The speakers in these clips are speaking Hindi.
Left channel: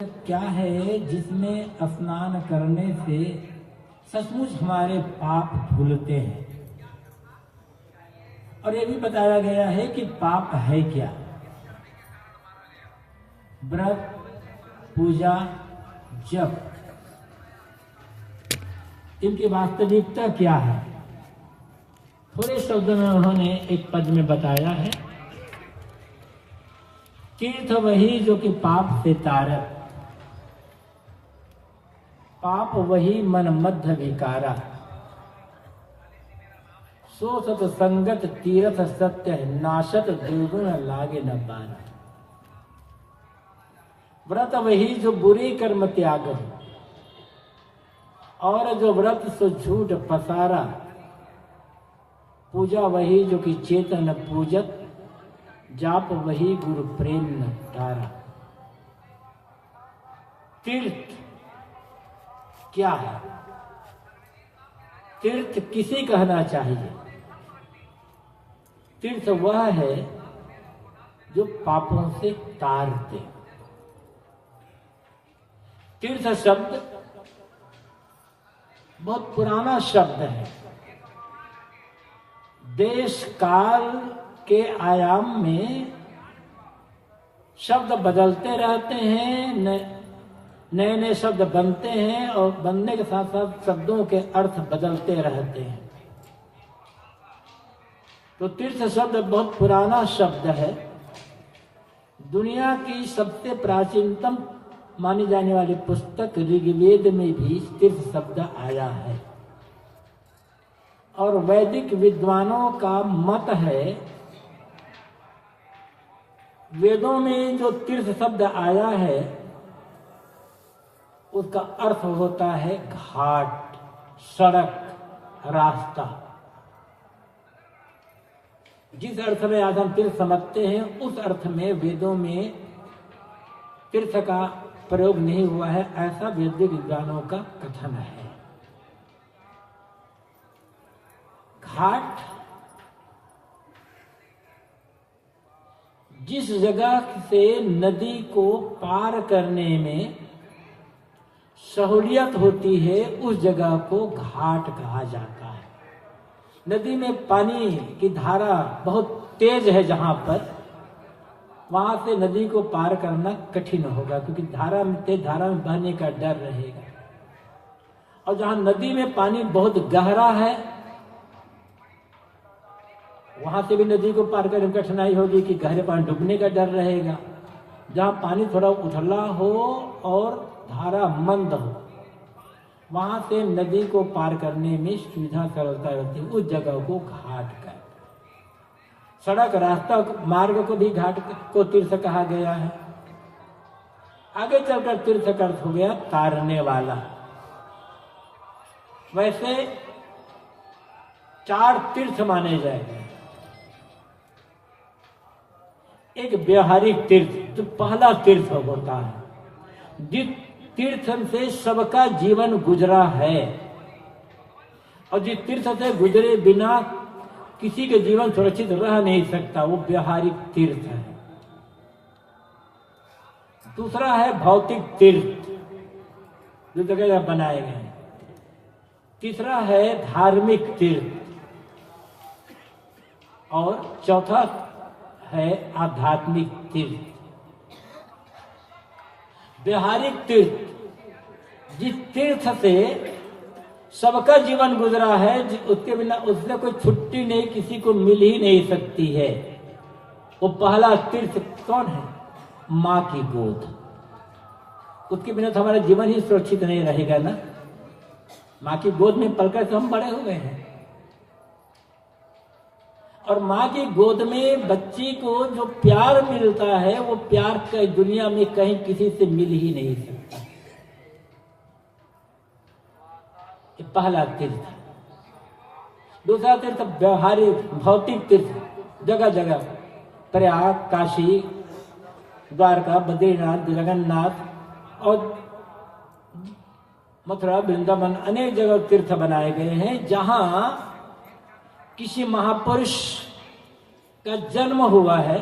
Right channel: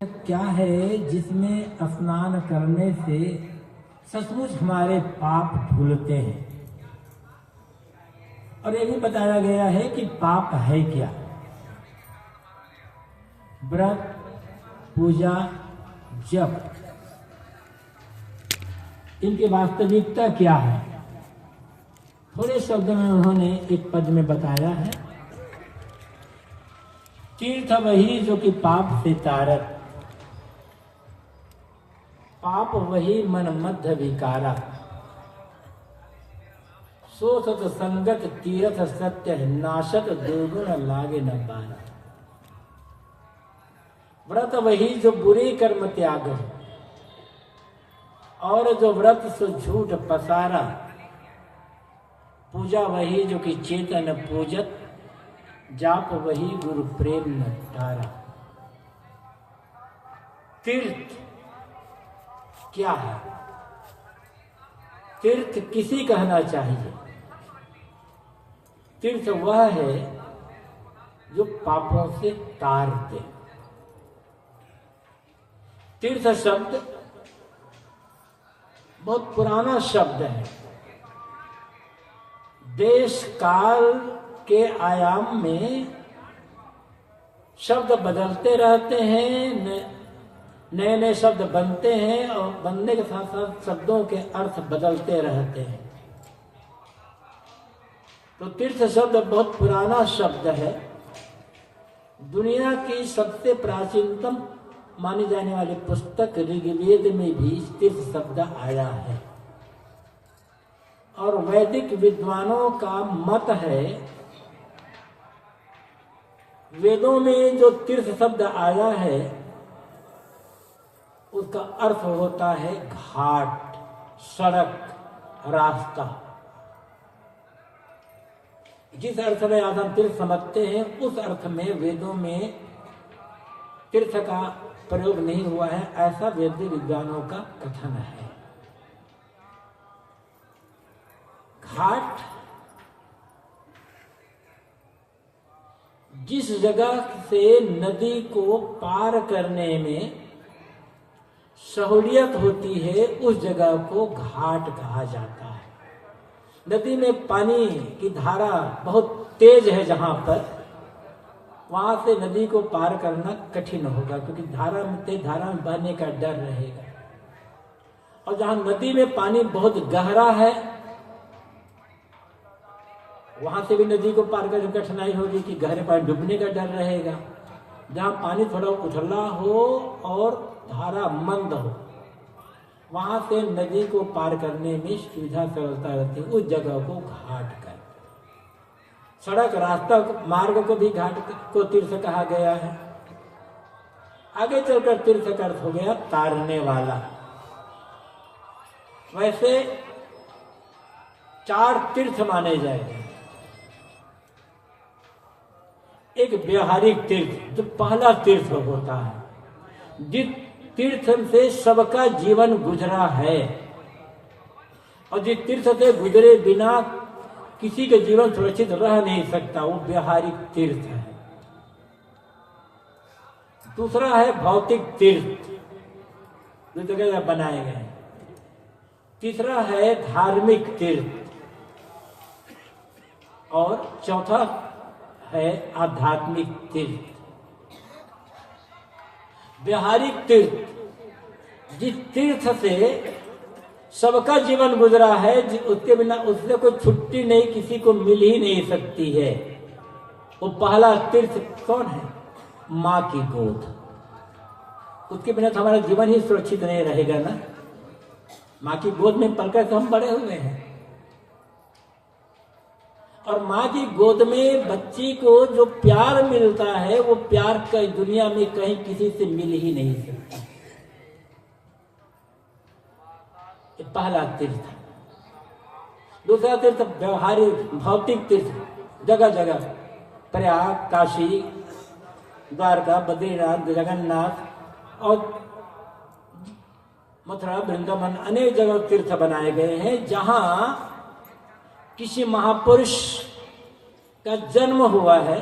क्या है जिसमें स्नान करने से सचमुच हमारे पाप धुलते हैं। और ये भी बताया गया है कि पाप है क्या। व्रत, पूजा, जप, इनकी वास्तविकता क्या है। थोड़े शब्द में उन्होंने एक पद में बताया है, तीर्थ वही जो कि पाप से तारत, पाप वही मन मध्य विकारा, सो सत संगत तीर्थ सत्य नाशत दुर्गुण लागे न पार। व्रत वही जो बुरी कर्म त्याग, और जो व्रत सो झूठ पसारा, पूजा वही जो कि चेतन पूजत, जाप वही गुरु प्रेम न तारा। तीर्थ क्या है? तीर्थ किसी कहना चाहिए। तीर्थ वह है जो पापों से तार दे। तीर्थ शब्द बहुत पुराना शब्द है। देश काल के आयाम में शब्द बदलते रहते हैं, नए नए शब्द बनते हैं और बनने के साथ साथ शब्दों के अर्थ बदलते रहते हैं। तो तीर्थ शब्द बहुत पुराना शब्द है। दुनिया की सबसे प्राचीनतम मानी जाने वाली पुस्तक ऋग्वेद में भी तीर्थ शब्द आया है। और वैदिक विद्वानों का मत है, वेदों में जो तीर्थ शब्द आया है उसका अर्थ होता है घाट, सड़क, रास्ता। जिस अर्थ में आज हम तीर्थ समझते हैं उस अर्थ में वेदों में तीर्थ का प्रयोग नहीं हुआ है, ऐसा वैदिक विद्वानों का कथन है। घाट जिस जगह से नदी को पार करने में सहूलियत होती है उस जगह को घाट कहा जाता है। नदी में पानी की धारा बहुत तेज है, जहां पर वहां से नदी को पार करना कठिन होगा, क्योंकि तेज धारा में बहने का डर रहेगा। और जहां नदी में पानी बहुत गहरा है वहां से भी नदी को पार करने में कठिनाई होगी कि गहरे पानी डूबने का डर रहेगा। जहां पानी थोड़ा उथला हो और धारा मंद हो वहां से नदी को पार करने में सुविधा सरलता रहती है, उस जगह को घाट कर। सड़क, रास्ता, मार्ग को भी घाट को तीर्थ कहा गया है। आगे चलकर तीर्थ का अर्थ हो गया तारने वाला। वैसे 4 तीर्थ माने जाएंगे। एक व्यवहारिक तीर्थ जो पहला तीर्थ होता है, जिस तीर्थ से सबका जीवन गुजरा है और जिस तीर्थ से गुजरे बिना किसी के जीवन सुरक्षित रह नहीं सकता, वो व्यवहारिक तीर्थ है। दूसरा है भौतिक तीर्थ जो जगह बनाए गए हैं। तीसरा है धार्मिक तीर्थ और चौथा है आध्यात्मिक तीर्थ। व्यवहारिक तीर्थ जिस तीर्थ से सबका जीवन गुजरा है, उसके बिना उससे कोई छुट्टी नहीं, किसी को मिल ही नहीं सकती है, वो पहला तीर्थ कौन है? माँ की गोद। उसके बिना तो हमारा जीवन ही सुरक्षित नहीं रहेगा ना। माँ की गोद में पलकर तो हम बड़े हुए हैं, और माँ की गोद में बच्ची को जो प्यार मिलता है वो प्यार कई दुनिया में कहीं किसी से मिल ही नहीं सकता। ये पहला तीर्थ। दूसरा तीर्थ व्यवहारिक भौतिक तीर्थ, जगह जगह प्रयाग, काशी, द्वारका, बद्रीनाथ, जगन्नाथ और मथुरा, वृंदावन, अनेक जगह तीर्थ बनाए गए हैं जहां किसी महापुरुष का जन्म हुआ है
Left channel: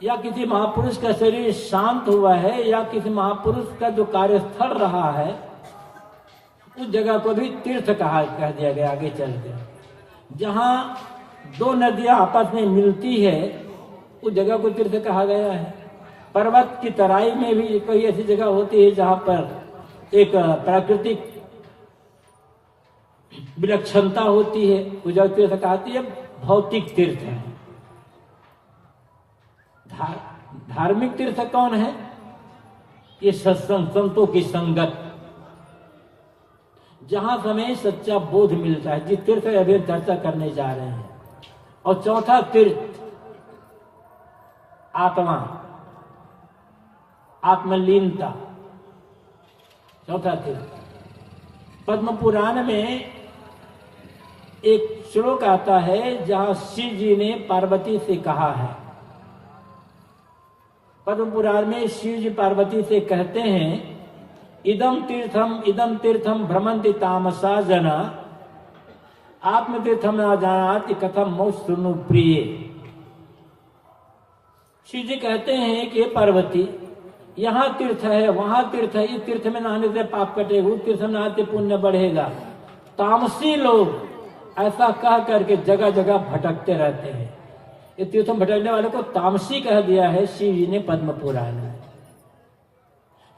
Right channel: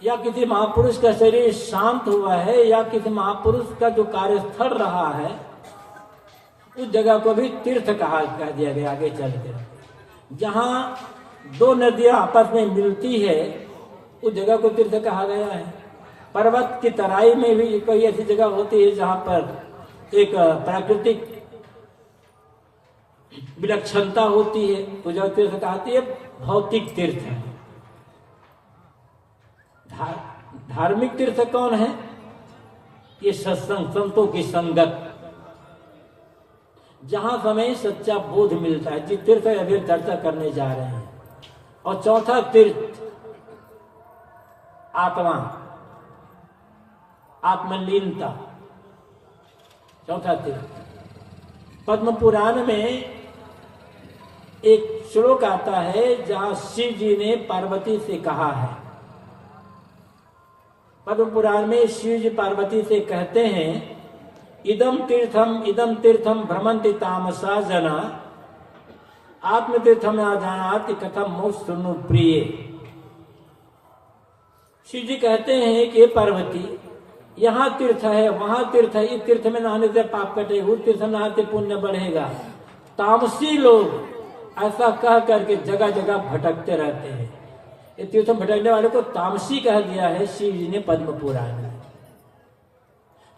या किसी महापुरुष का शरीर शांत हुआ है, या किसी महापुरुष का जो कार्यस्थल रहा है, उस जगह को भी तीर्थ कह दिया गया आगे चलकर। जहां दो नदियां आपस में मिलती है, उस जगह को तीर्थ कहा गया है। पर्वत की तराई में भी कोई ऐसी जगह होती है जहां पर एक प्राकृतिक विलक्षणता होती है, उस जगह तीर्थ कहती है। भौतिक तीर्थ है। धार्मिक तीर्थ कौन है? ये सत्संग, संतों की संगत, जहां हमें सच्चा बोध मिलता है, जिस तीर्थ अभी चर्चा करने जा रहे हैं। और चौथा तीर्थ आत्मा, आत्मलीनता, चौथा तीर्थ। पद्म पुराण में एक श्लोक आता है जहां शिव जी ने पार्वती से कहा है। पद्म पुराण में शिव जी पार्वती से कहते हैं, इदम तीर्थम भ्रमंति तामसा जना, आत्मतीर्थम न जानाति कथम मोक्ष सुनु प्रिय। शिव जी कहते हैं कि पार्वती, यहाँ तीर्थ है, वहां तीर्थ है, इस तीर्थ में नहाने से पाप कटेगा, उस तीर्थ में नहाने से पुण्य बढ़ेगा। तामसी लोग ऐसा कह करके जगह जगह भटकते रहते हैं। इस तीर्थ में भटकने वाले को तामसी कह दिया है शिव जी ने पद्म पुराण में,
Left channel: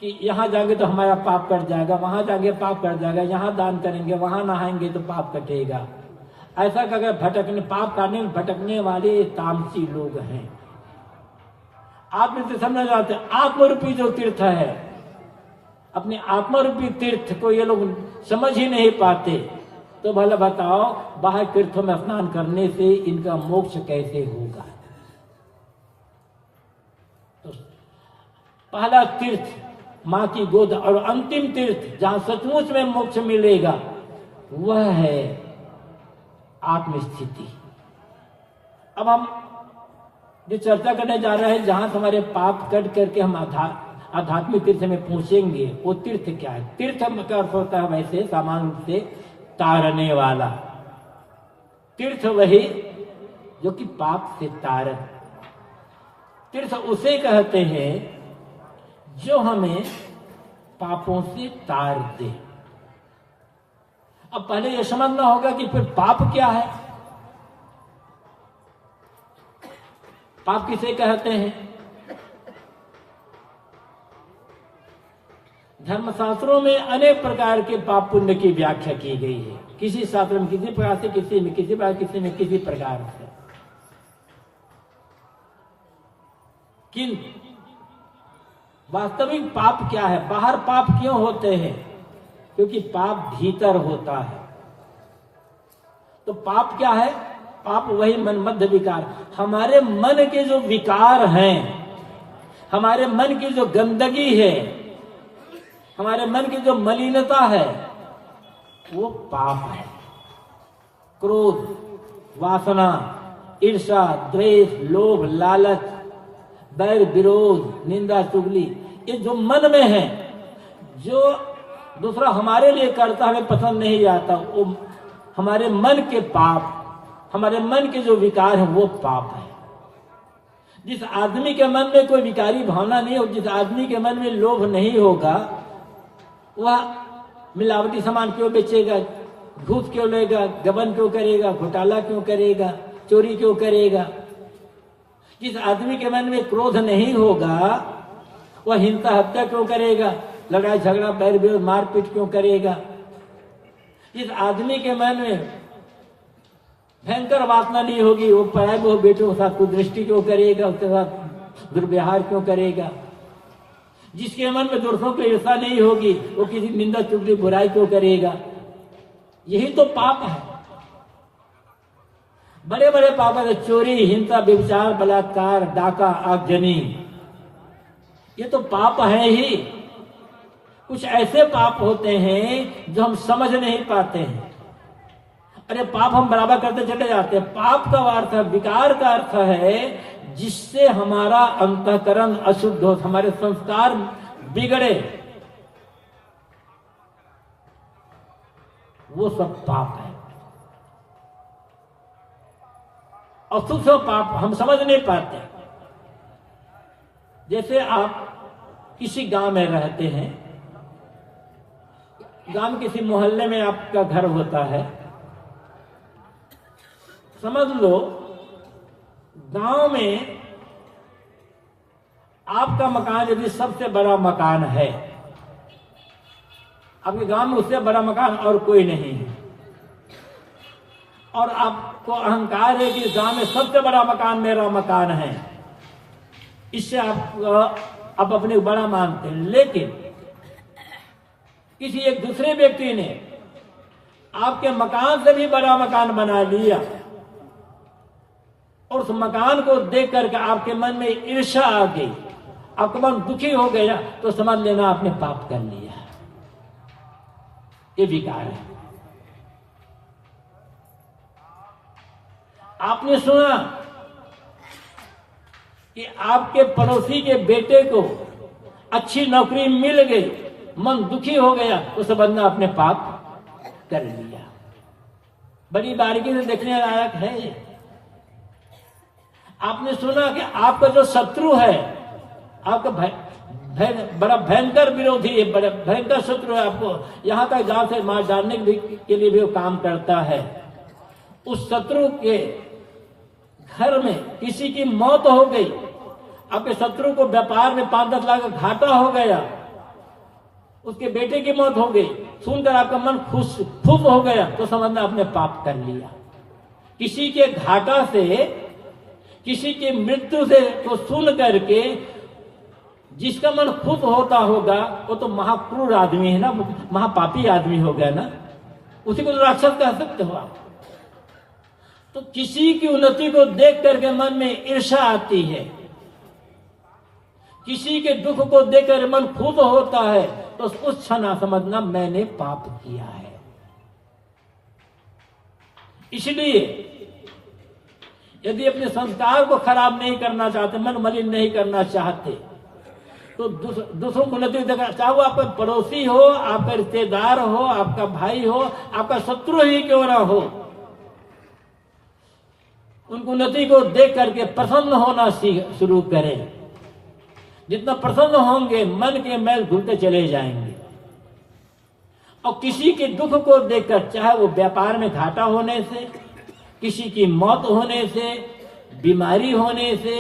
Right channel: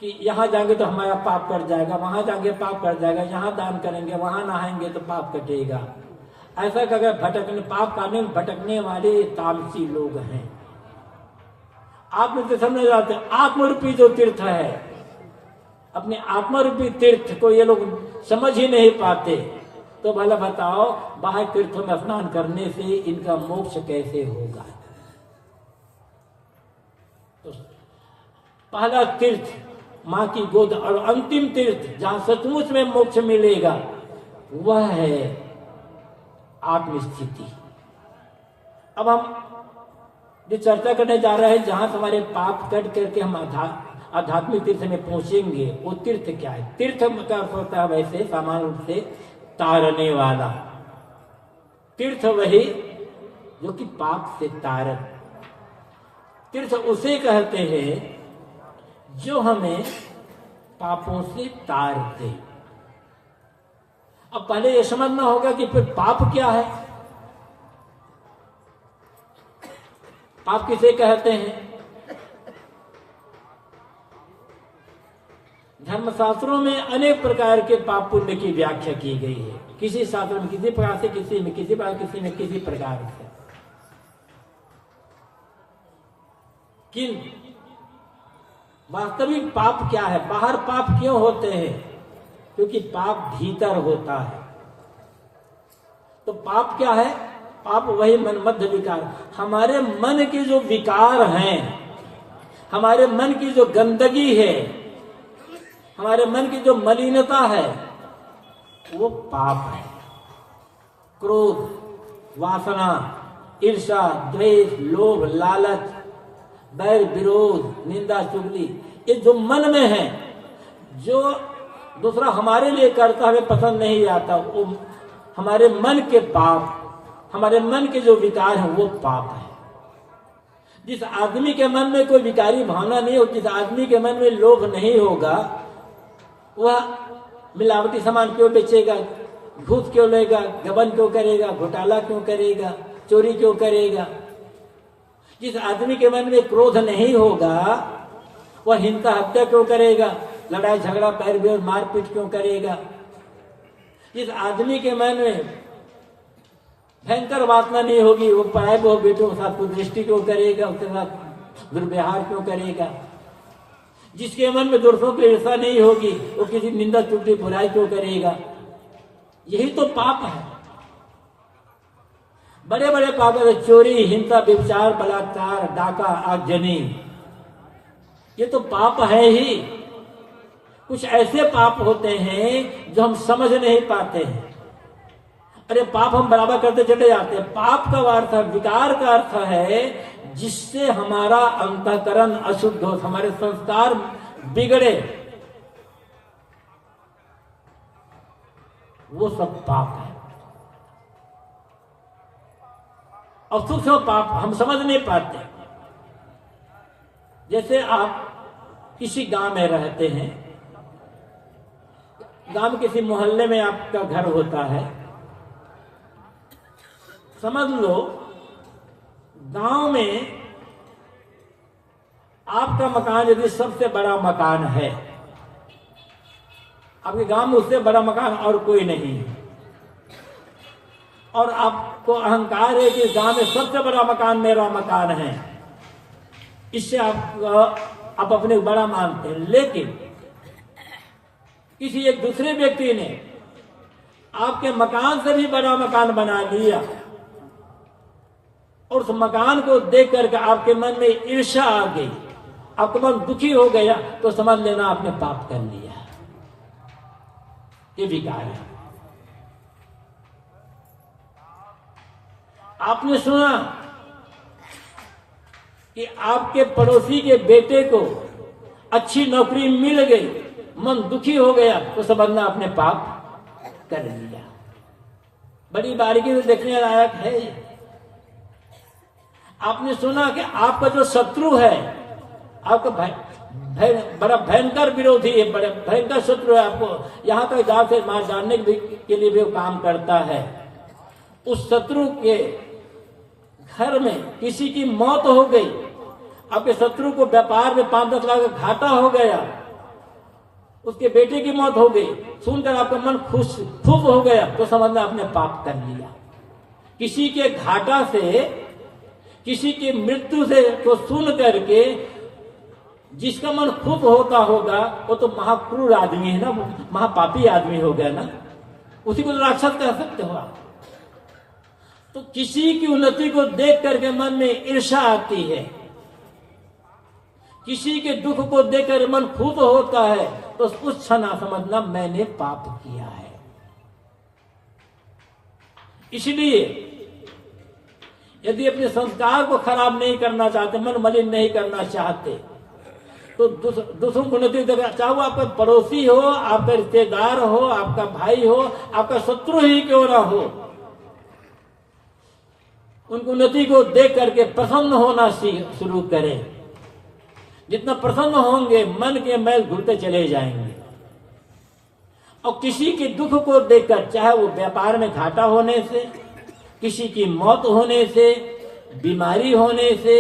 कि यहाँ जाएंगे तो हमारा पाप कट जाएगा, वहां जाएंगे पाप कट जाएगा, यहाँ दान करेंगे, वहां नहाएंगे तो पाप कटेगा। ऐसा करके भटकने, पाप करने भटकने वाले तामसी लोग हैं। आप में तो समझ जाते हैं, आत्मरूपी जो तीर्थ है, अपने आत्मरूपी तीर्थ को ये लोग समझ ही नहीं पाते। तो भला बताओ, बाहर तीर्थों में स्नान करने से इनका मोक्ष कैसे होगा? तो पहला तीर्थ मां की गोद, और अंतिम तीर्थ जहां सचमुच में मोक्ष मिलेगा, वह है आत्मस्थिति। अब हम जो चर्चा करने जा रहे हैं, जहां हमारे पाप कट करके हम आध्यात्मिक तीर्थ में पहुंचेंगे, वो तीर्थ क्या है? तीर्थ का अर्थ होता है वैसे सामान्य रूप से तारने वाला। तीर्थ वही जो कि पाप से तारन। तीर्थ उसे कहते हैं जो हमें पापों से तार दे। अब पहले यह समझना होगा कि फिर पाप क्या है। पाप किसे कहते हैं? धर्मशास्त्रों में अनेक प्रकार के पाप पुण्य की व्याख्या की गई है। किसी शास्त्र में किसी प्रकार से, किसी में किसी प्रकार, किसी में किसी प्रकार से। किंतु वास्तविक पाप क्या है? बाहर पाप क्यों होते हैं? क्योंकि पाप भीतर होता है। तो पाप क्या है? पाप वही मनमध्य विकार, हमारे मन के जो विकार हैं, हमारे मन की जो गंदगी है, हमारे मन की जो मलिनता है, वो पाप है। क्रोध, वासना, ईर्ष्या, द्वेष, लोभ, लालच, बैर, विरोध, निंदा, चुगली, ये जो मन में है, जो दूसरा हमारे लिए करता हमें पसंद नहीं आता, वो हमारे मन के पाप, हमारे मन के जो विकार हैं, वो पाप है। जिस आदमी के मन में कोई विकारी भावना नहीं हो, जिस आदमी के मन में लोभ नहीं होगा, वह मिलावटी सामान क्यों बेचेगा, घूस क्यों लेगा, गबन क्यों करेगा, घोटाला क्यों करेगा, चोरी क्यों करेगा। जिस आदमी के मन में क्रोध नहीं होगा, वह हिंसा हत्या क्यों करेगा, लड़ाई झगड़ा, बैर विरोध, मारपीट क्यों करेगा। जिस आदमी के मन में भयंकर वासना नहीं होगी, वो पराई बहु बेटों के साथ कुदृष्टि क्यों करेगा, उसके साथ दुर्व्यवहार क्यों करेगा। जिसके मन में दूसरों की ईर्ष्या नहीं होगी, वो किसी निंदा चुगली बुराई क्यों करेगा। यही तो पाप है। बड़े बड़े पाप है, चोरी, हिंसा, व्यभिचार, बलात्कार, डाका, आगजनी, ये तो पाप है ही। कुछ ऐसे पाप होते हैं जो हम समझ नहीं पाते हैं। अरे पाप हम बराबर करते चले जाते हैं। पाप का अर्थ है, विकार का अर्थ है जिससे हमारा अंतःकरण अशुद्ध हो, हमारे संस्कार बिगड़े, वो सब पाप है। और सूक्ष्म पाप हम समझ नहीं पाते। जैसे आप किसी गांव में रहते हैं, गांव किसी मोहल्ले में आपका घर होता है, समझ लो गांव में आपका मकान यदि सबसे बड़ा मकान है, आपके गांव में उससे बड़ा मकान और कोई नहीं है, और आपको अहंकार है कि गांव में सबसे बड़ा मकान मेरा मकान है, इससे आप अपने बड़ा मानते हैं। लेकिन किसी एक दूसरे व्यक्ति ने आपके मकान से भी बड़ा मकान बना लिया और उस मकान को देख करके आपके मन में ईर्ष्या आ गई, आपका मन दुखी हो गया, तो समझ लेना आपने पाप कर लिया। ये विकार है। आपने सुना कि आपके पड़ोसी के बेटे को अच्छी नौकरी मिल गई, मन दुखी हो गया, तो समझना आपने पाप कर लिया। बड़ी बारीकी से देखने लायक है। आपने सुना कि आपका जो शत्रु है, आपका बड़ा भयंकर विरोधी है, बड़े भयंकर शत्रु है, आपको यहां तक जान से मार डालने के लिए भी काम करता है। उस शत्रु के घर में किसी की मौत हो गई, आपके शत्रु को व्यापार में 5-10 लाख घाटा हो गया, उसके बेटे की मौत हो गई, सुनकर आपका मन खुश हो गया, तो समझना आपने पाप कर लिया। किसी के घाटा से, किसी की मृत्यु से को सुन करके जिसका मन खुश होता होगा, वो तो महाक्रूर आदमी है ना, महापापी आदमी हो गया ना, उसी को राक्षस कह सकते हो आप। तो किसी की उन्नति को देख करके मन में ईर्ष्या आती है, किसी के दुख को देखकर मन खुश होता है, तो उस क्षण समझना मैंने पाप किया है। इसलिए यदि अपने संस्कार को खराब नहीं करना चाहते, मन मलिन नहीं करना चाहते, तो दूसरों को उन्नति देखना, चाहे वो आपका पड़ोसी हो, आपका रिश्तेदार हो, आपका भाई हो, आपका शत्रु ही क्यों ना हो, उनको उन्नति को देख करके प्रसन्न होना शुरू करें। जितना प्रसन्न होंगे, मन के मैल धुलते चले जाएंगे। और किसी के दुख को देखकर, चाहे वो व्यापार में घाटा होने से, किसी की मौत होने से, बीमारी होने से,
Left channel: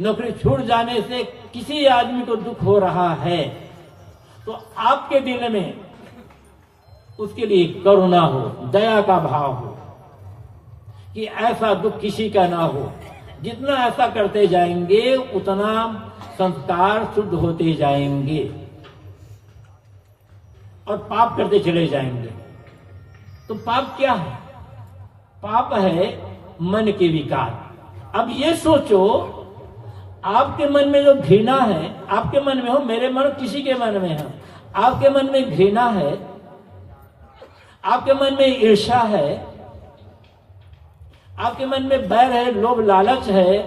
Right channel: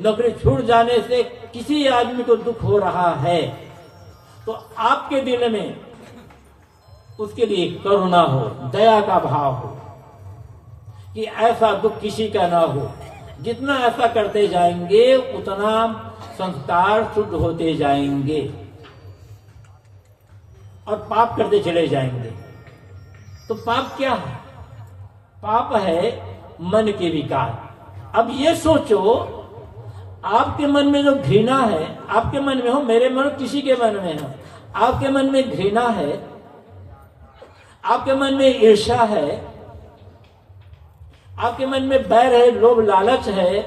नौकरी छूट जाने से, किसी आदमी को दुख हो रहा है, तो आपके दिल में उसके लिए करुणा हो, दया का भाव हो कि ऐसा दुख किसी का ना हो। जितना ऐसा करते जाएंगे, उतना संस्कार शुद्ध होते जाएंगे और पाप करते चले जाएंगे। तो पाप क्या है? पाप है मन के विकार। अब ये सोचो, आपके मन में जो घृणा है, आपके मन में हो, मेरे मन किसी के मन में है, आपके मन में घृणा है, आपके मन में ईर्ष्या है, आपके मन में बैर है, लोभ लालच है,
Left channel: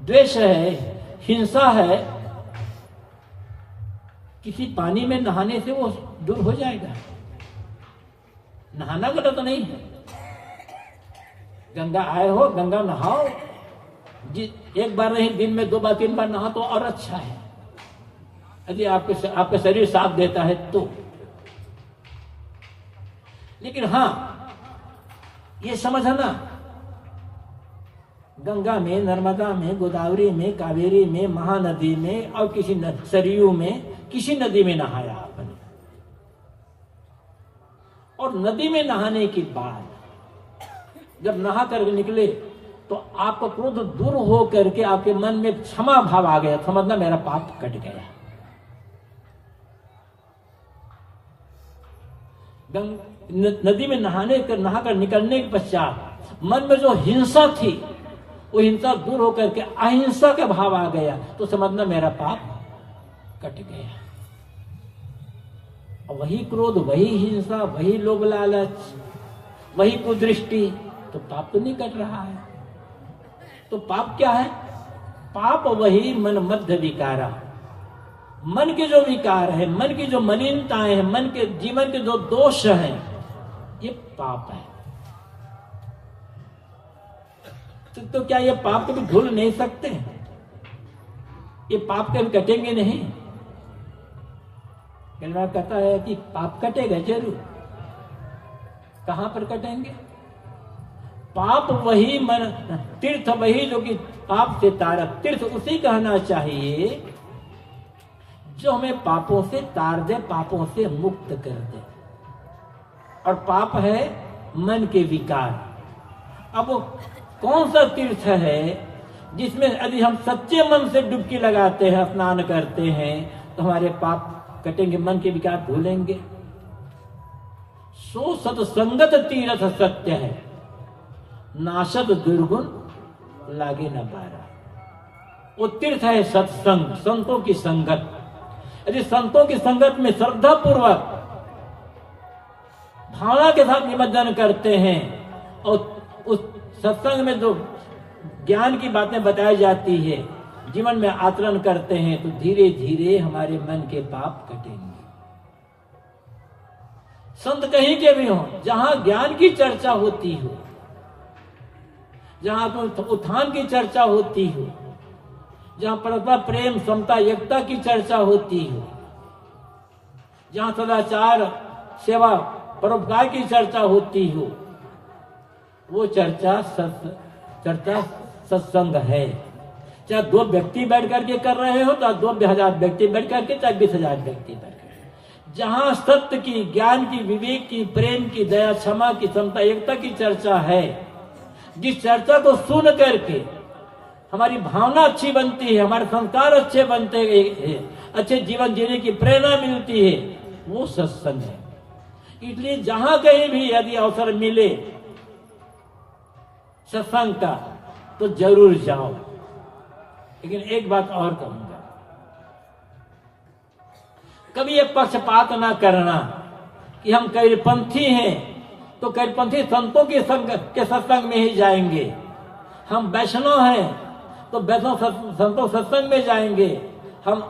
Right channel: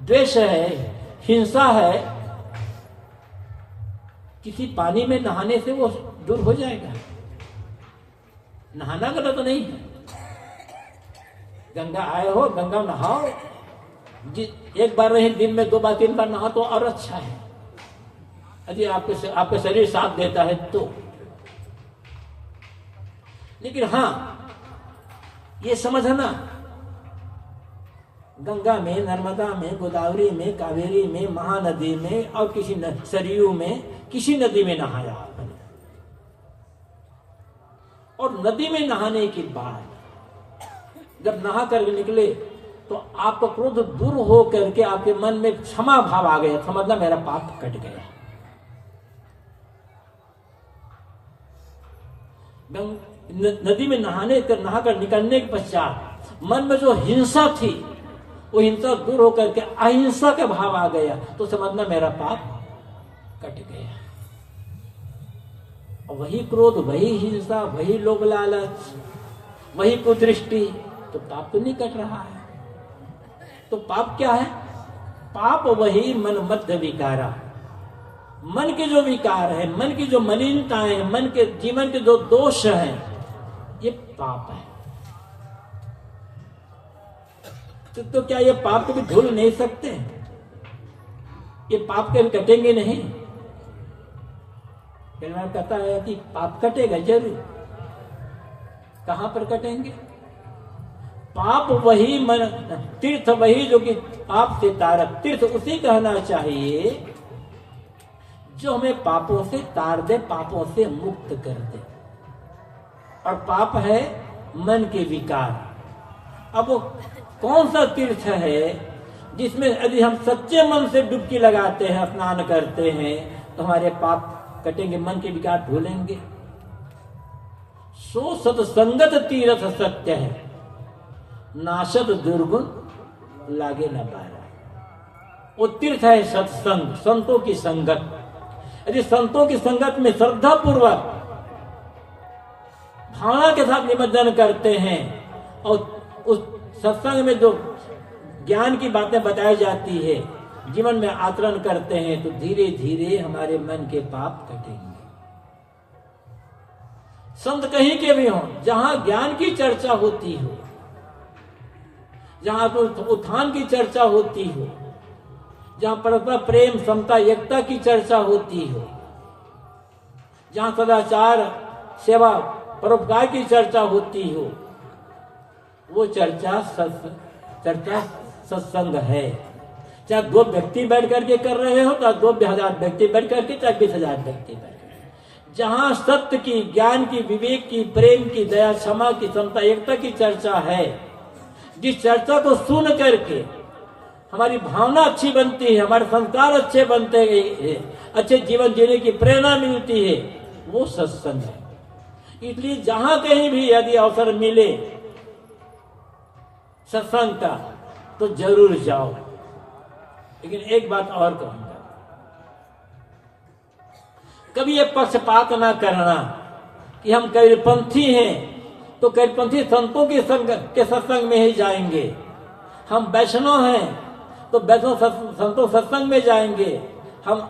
द्वेष है, हिंसा है, किसी पानी में नहाने से वो दूर हो जाएगा? नहाना गलत नहीं है, गंगा आए हो, गंगा नहाओ, एक बार नहीं, दिन में 2 बार 3 बार नहा तो और अच्छा है, यदि आपका शरीर साथ देता है तो। लेकिन हाँ, ये समझना, गंगा में, नर्मदा में, गोदावरी में, कावेरी में, महानदी में और किसी सरयू में, किसी नदी में नहाया आपने, और नदी में नहाने के बाद जब नहा कर निकले तो आपको क्रोध दूर हो करके आपके मन में क्षमा भाव आ गया, समझना मेरा पाप कट गया। नदी में नहाकर निकलने के पश्चात मन में जो हिंसा थी, वो हिंसा दूर होकर के अहिंसा का भाव आ गया, तो समझना मेरा पाप कट गया। और वही क्रोध, वही हिंसा, वही लोभ लालच, वही कुदृष्टि, तो पाप तो नहीं कट रहा है। तो पाप क्या है? पाप वही मन मध्य विकारा, मन के जो विकार है, मन की जो मलिनताएं हैं, मन के जीवन के जो दोष हैं, ये पाप है। तो क्या ये पाप कभी धुल नहीं सकते? ये पाप कभी कटेंगे नहीं। मैं कहता है कि पाप कटेगा जरूर। कहां पर कटेंगे? पाप वही मन, तीर्थ वही जो कि पाप से तारक, तीर्थ उसी कहना चाहिए जो हमें पापों से तार दे, पापों से मुक्त कर दे। और पाप है मन के विकार। अब कौन सा तीर्थ है जिसमें यदि हम सच्चे मन से डुबकी लगाते हैं, स्नान करते हैं, तो हमारे पाप कटेंगे, मन के विकार भूलेंगे। सो सत्संगत तीर्थ सत्य है, नाशद दुर्गुण लागे न पारा। वो तीर्थ है सत्संग, संतों की संगत। यदि संतों की संगत में श्रद्धा पूर्वक भावना के साथ निमज्जन करते हैं और उस सत्संग में जो ज्ञान की बातें बताई जाती है जीवन में आचरण करते हैं, तो धीरे धीरे हमारे मन के पाप कटेंगे। संत कहीं के भी हों, जहां ज्ञान की चर्चा होती हो, जहां तो उत्थान की चर्चा होती हो, जहां परस्पर प्रेम, समता, एकता की चर्चा होती हो, जहां सदाचार, सेवा, परोपकार की चर्चा होती हो, वो चर्चा सत्संग है। चाहे 2 व्यक्ति बैठ करके कर रहे हो, चाहे 2,000 व्यक्ति बैठ करके, चाहे 20,000 व्यक्ति बैठ करके, जहां सत्य की, ज्ञान की, विवेक की, प्रेम की, दया, क्षमा की, समता, एकता की चर्चा है, जिस चर्चा को सुन करके हमारी भावना अच्छी बनती है, हमारे संस्कार अच्छे बनते हैं, अच्छे जीवन जीने की प्रेरणा मिलती है, वो सत्संग है। इसलिए जहां कहीं भी यदि अवसर मिले सत्संग का, तो जरूर जाओ। लेकिन एक बात और कहूंगा, कभी ये पक्षपात ना करना कि हम करीपंथी हैं तो करीपंथी संतों के सत्संग में ही जाएंगे, हम वैष्णव हैं तो वैष्णव संतों सत्संग में जाएंगे, हम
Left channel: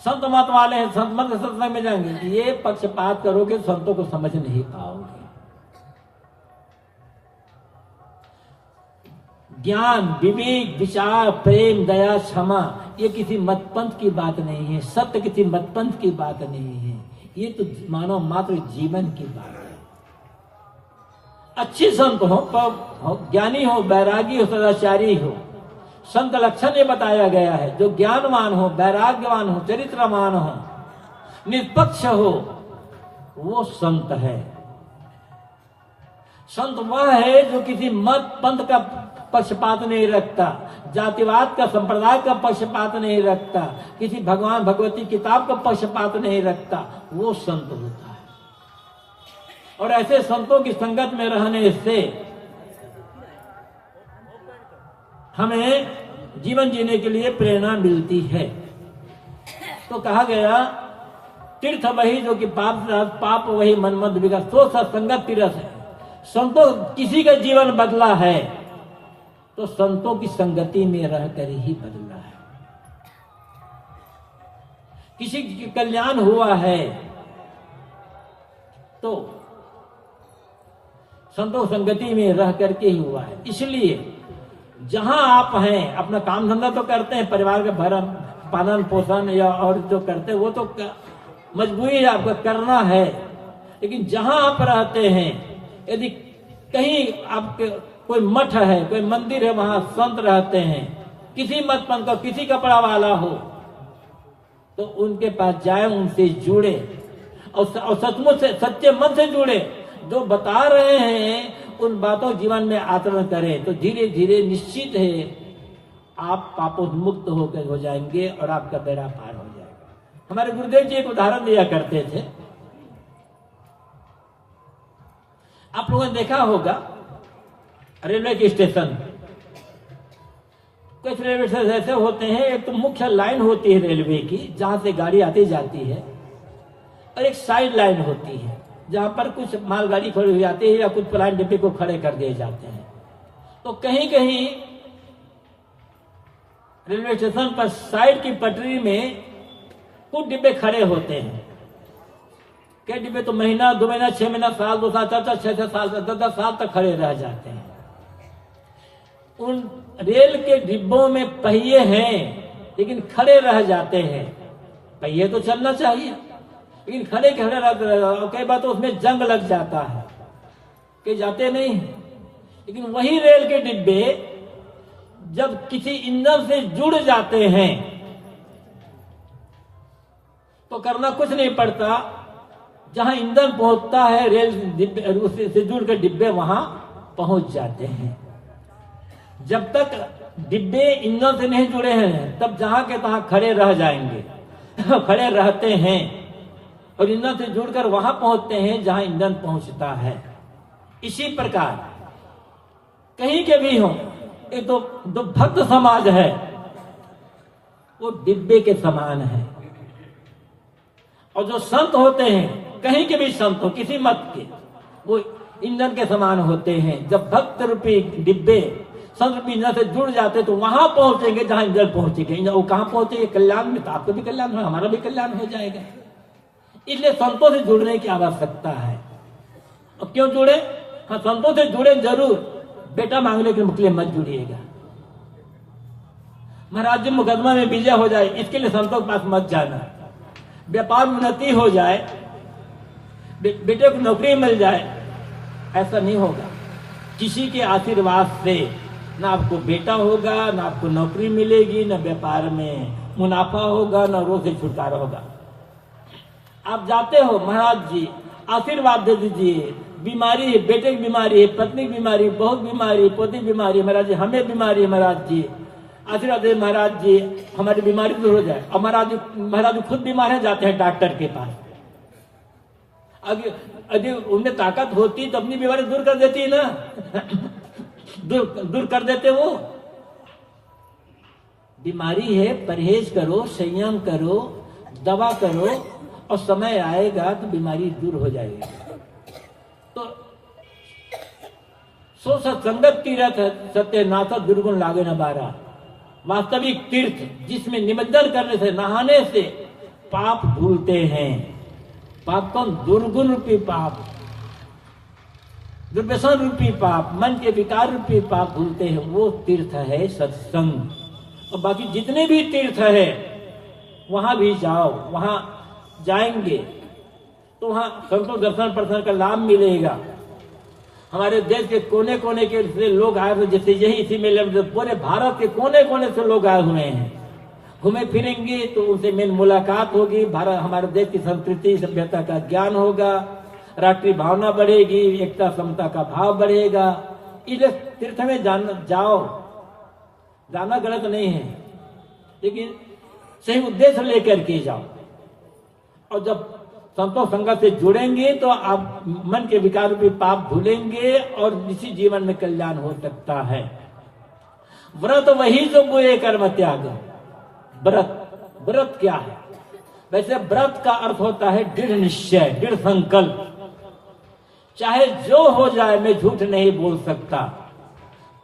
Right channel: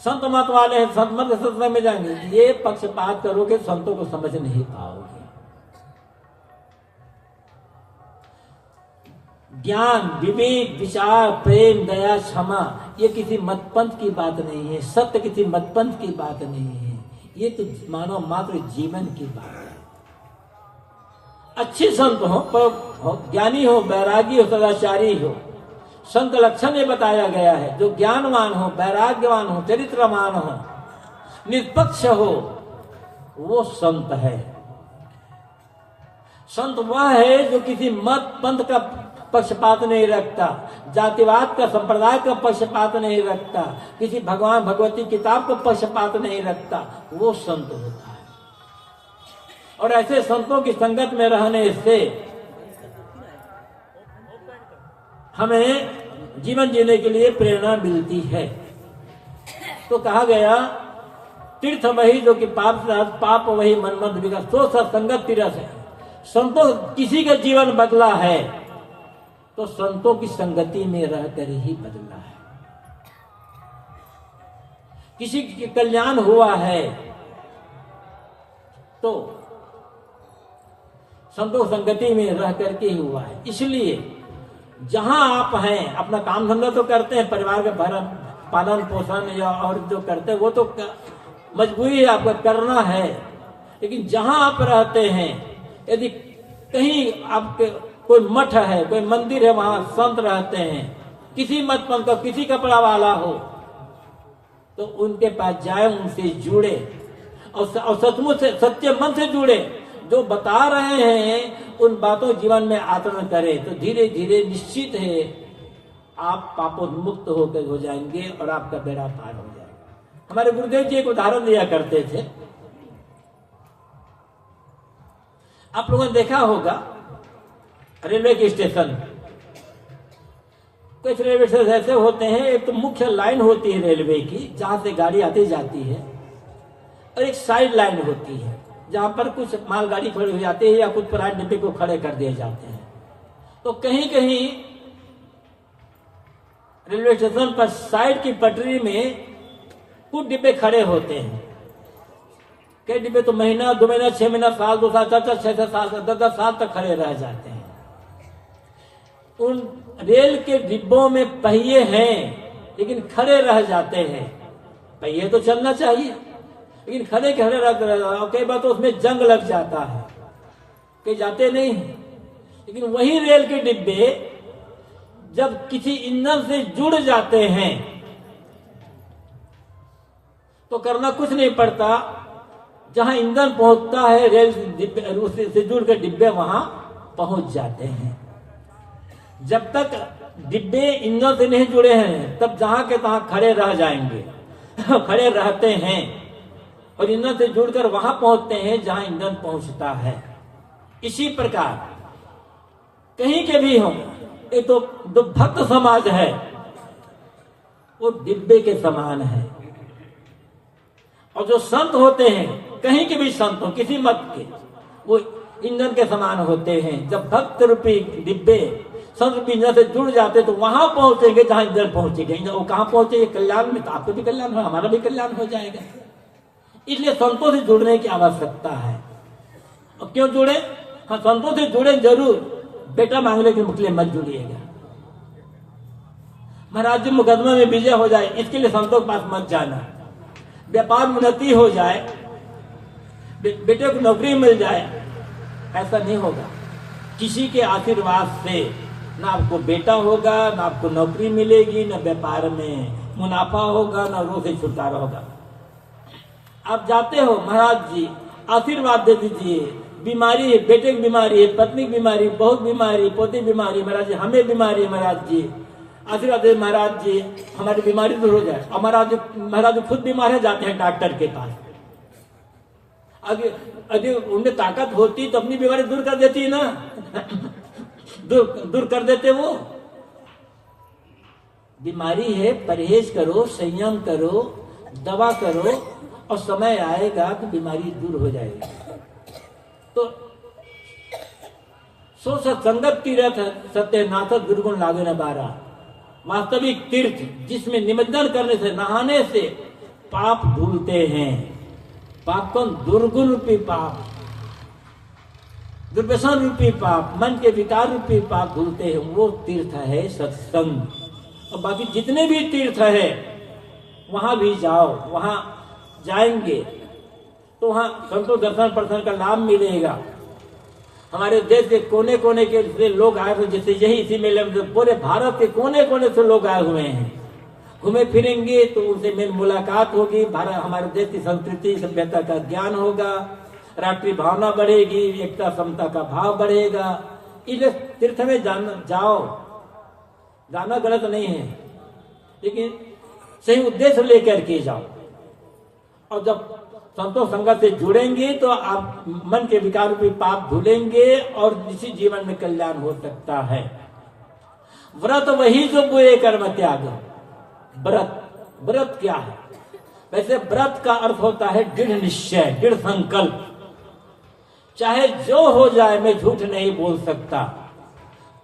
संत मत वाले हैं, संत मत सत्संग में जाएंगे। ये पक्षपात करोगे, संतों को समझ नहीं पाओगे। ज्ञान, विवेक, विचार, प्रेम, दया, क्षमा, ये किसी मतपंथ की बात नहीं है, सत्य किसी मतपंथ की बात नहीं है, ये तो मानव मात्र जीवन की बात है। अच्छे संत हो, ज्ञानी हो, बैरागी हो, सदाचारी हो, संत लक्षण ये बताया गया है, जो ज्ञानवान हो, वैराग्यवान हो, चरित्रवान हो, निष्पक्ष हो, वो संत है। संत वह है जो किसी मत पंथ का पक्षपात नहीं रखता, जातिवाद का, संप्रदाय का पक्षपात नहीं रखता, किसी भगवान भगवती किताब का पक्षपात नहीं रखता, वो संत होता है। और ऐसे संतों की संगत में रहने से हमें जीवन जीने के लिए प्रेरणा मिलती है। तो कहा गया, तीर्थ वही जो कि पाप वही मनमद विगत, तो सत्संगत तीर्थ है। संतों किसी का जीवन बदला है तो संतों की संगति में रहकर ही बदला है। किसी के कल्याण हुआ है तो संतों संगति में रह करके ही हुआ है। इसलिए जहां आप हैं, अपना काम धंधा तो करते हैं, परिवार का भरण पालन पोषण या और जो करते हैं वो तो मजबूरी है, आपका करना है। लेकिन जहां आप रहते हैं, यदि कहीं आपके कोई मठ है, कोई मंदिर है, वहां संत रहते हैं, किसी मत पंथ का, किसी कपड़ा वाला हो, तो उनके पास जाए, उनसे जुड़े और सचमुच से, सच्चे मन से जुड़े। जो बता रहे हैं उन बातों जीवन में आचरण करें, तो धीरे धीरे निश्चित है आप पापोन्मुक्त होकर हो जाएंगे और आपका बेड़ा पार हो जाएगा। हमारे गुरुदेव जी एक उदाहरण दिया करते थे, आप लोगों ने देखा होगा रेलवे के स्टेशन, कुछ रेलवे स्टेशन ऐसे होते हैं, एक तो मुख्य लाइन होती है रेलवे की जहां से गाड़ी आती जाती है, और एक साइड लाइन होती है जहां पर कुछ मालगाड़ी खड़ी हो जाती है या कुछ प्राइवेट डिब्बे को खड़े कर दिए जाते हैं। तो कहीं कहीं रेलवे स्टेशन पर साइड की पटरी में कुछ डिब्बे खड़े होते हैं। कई डिब्बे तो महीना, 2 महीना, 6 महीना, साल, 2 साल, 4 6 साल, 10 साल तक खड़े रह जाते हैं। उन रेल के डिब्बों में पहिए हैं, लेकिन खड़े रह जाते हैं। पहिए तो चलना चाहिए, लेकिन खड़े खड़े रह, कई बार तो उसमें जंग लग जाता है, कहीं जाते नहीं। लेकिन वही रेल के डिब्बे जब किसी ईंधन से जुड़ जाते हैं तो करना कुछ नहीं पड़ता, जहां ईंधन पहुंचता है रेल डिब्बे उससे जुड़ के डिब्बे वहां पहुंच जाते हैं। जब तक डिब्बे ईंधन से नहीं जुड़े हैं तब जहां के तहां खड़े रह जाएंगे खड़े रहते हैं और ईंधन से जुड़कर वहां पहुंचते हैं जहां ईंधन पहुंचता है। इसी प्रकार कहीं के भी हो, ये तो जो भक्त समाज है वो डिब्बे के समान है, और जो संत होते हैं कहीं के भी संत हो किसी मत के, वो ईंधन के समान होते हैं। जब भक्त रूपी डिब्बे संत रूपी ईंधन से जुड़ जाते तो वहां पहुंचेंगे जहां ईंधन पहुंचेंगे। वो कहां पहुंचेंगे? कल्याण में। तो आपको भी कल्याण हो, हमारा भी कल्याण हो जाएगा। इसलिए संतों से जुड़ने की आवश्यकता है। और क्यों जुड़े? हाँ, संतों से जुड़े जरूर, बेटा मांगने के लिए मत जुड़िएगा। महाराज जी मुकदमा में विजय हो जाए इसके लिए संतों के पास मत जाना। व्यापार उन्नति हो जाए, बेटे को नौकरी मिल जाए, ऐसा नहीं होगा। किसी के आशीर्वाद से ना आपको बेटा होगा, ना आपको नौकरी मिलेगी, ना व्यापार में मुनाफा होगा, ना रोग से छुटकारा होगा। आप जाते हो, महाराज जी आशीर्वाद दे दीजिए, बीमारी है, बेटे की बीमारी है, पत्नी की बीमारी, बहुत बीमारी, पोती बीमारी, महाराज जी हमें बीमारी, महाराज जी आशीर्वाद दे, महाराज जी हमारी बीमारी दूर हो जाए। और महाराज जी खुद बीमार है, जाते हैं डॉक्टर के पास। अगर उनमें ताकत होती तो अपनी बीमारी दूर कर देती ना दूर कर देते वो। बीमारी है, परहेज करो, संयम करो, दवा करो, और समय आएगा तो बीमारी दूर हो जाएगी। तो सो सत्संगत तीर्थ सत्यनाथ दुर्गुण लागे न बारा। वास्तविक तीर्थ जिसमें निवेदन करने से, नहाने से पाप धुलते हैं। पाप कौन? दुर्गुण रूपी पाप, दुर्व्यसन रूपी पाप, मन के विकार रूपी पाप धुलते हैं। वो तीर्थ है सत्संग। और बाकी जितने भी तीर्थ है वहां भी जाओ, वहां जाएंगे तो वहां संतों दर्शन प्रदर्शन का लाभ मिलेगा। हमारे देश के कोने कोने के से लोग आए हुए, जैसे यही इसी मेले में पूरे भारत के कोने कोने से लोग आए हुए हैं। घूमे फिरेंगे तो उनसे मेरी मुलाकात होगी, भारत हमारे देश की संस्कृति सभ्यता का ज्ञान होगा, राष्ट्रीय भावना बढ़ेगी, एकता समता का भाव बढ़ेगा। इसलिए तीर्थ में जाओ, जाना गलत नहीं है, लेकिन सही उद्देश्य लेकर के जाओ। और जब संतों संगत से जुड़ेंगे तो आप मन के विकार रूपी पाप धुलेंगे और इसी जीवन में कल्याण हो सकता है। व्रत वही जो बुरे कर्म त्याग। व्रत क्या है? वैसे व्रत का अर्थ होता है दृढ़ निश्चय, दृढ़ संकल्प। चाहे जो हो जाए मैं झूठ नहीं बोल सकता,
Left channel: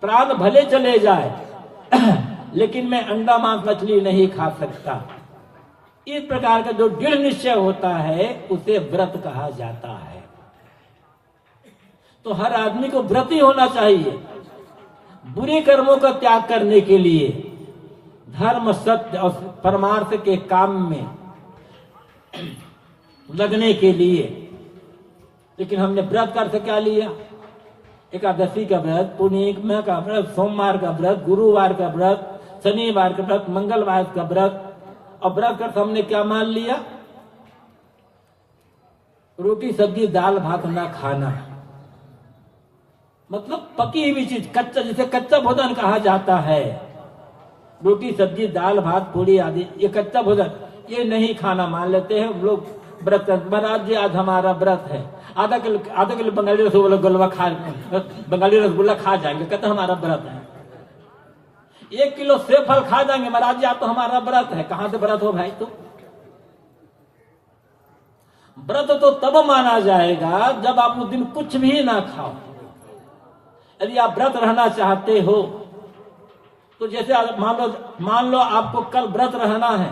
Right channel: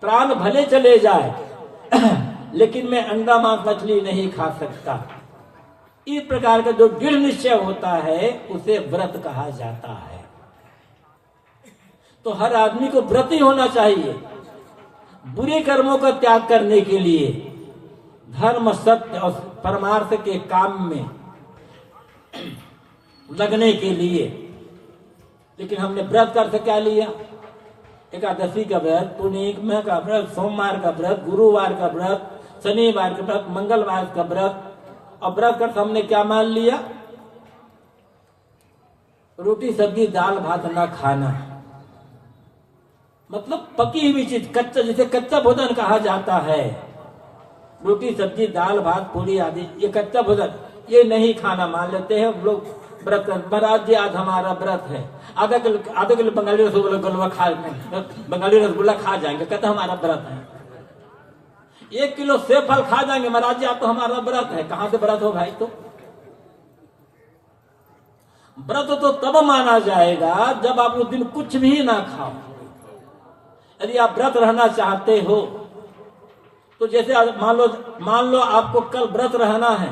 प्राण भले चले जाए लेकिन मैं अंडा मांस मछली नहीं खा सकता। इस प्रकार का जो दृढ़ निश्चय होता है उसे व्रत कहा जाता है। तो हर आदमी को व्रत ही होना चाहिए, बुरे कर्मों का त्याग करने के लिए, धर्म सत्य और परमार्थ के काम में लगने के लिए। लेकिन हमने व्रत का अर्थ क्या लिया? एकादशी का व्रत, पूर्णिमा का व्रत, सोमवार का व्रत, गुरुवार का व्रत, शनिवार का व्रत, मंगलवार का व्रत। और व्रत का हमने क्या मान लिया? रोटी सब्जी दाल भात ना खाना, मतलब पकी हुई चीज, कच्चा, जिसे कच्चा भोजन कहा जाता है। रोटी सब्जी दाल भात पूरी आदि ये कच्चा भोजन, ये नहीं खाना मान लेते हैं लोग। व्रत महाराज जी आज हमारा व्रत है, आधा किलो बंगाली रसगुल्ला खा, बंगाली रसगुल्ला खा जाएंगे, कहते हमारा व्रत है। 1 किलो सेब फल खा जाएंगे, महाराज जी आप तो हमारा व्रत है। कहां से व्रत हो भाई? तो व्रत तो तब माना जाएगा जब आप उस दिन कुछ भी ना खाओ। यदि आप व्रत रहना चाहते हो तो जैसे मान लो आपको कल व्रत रहना है,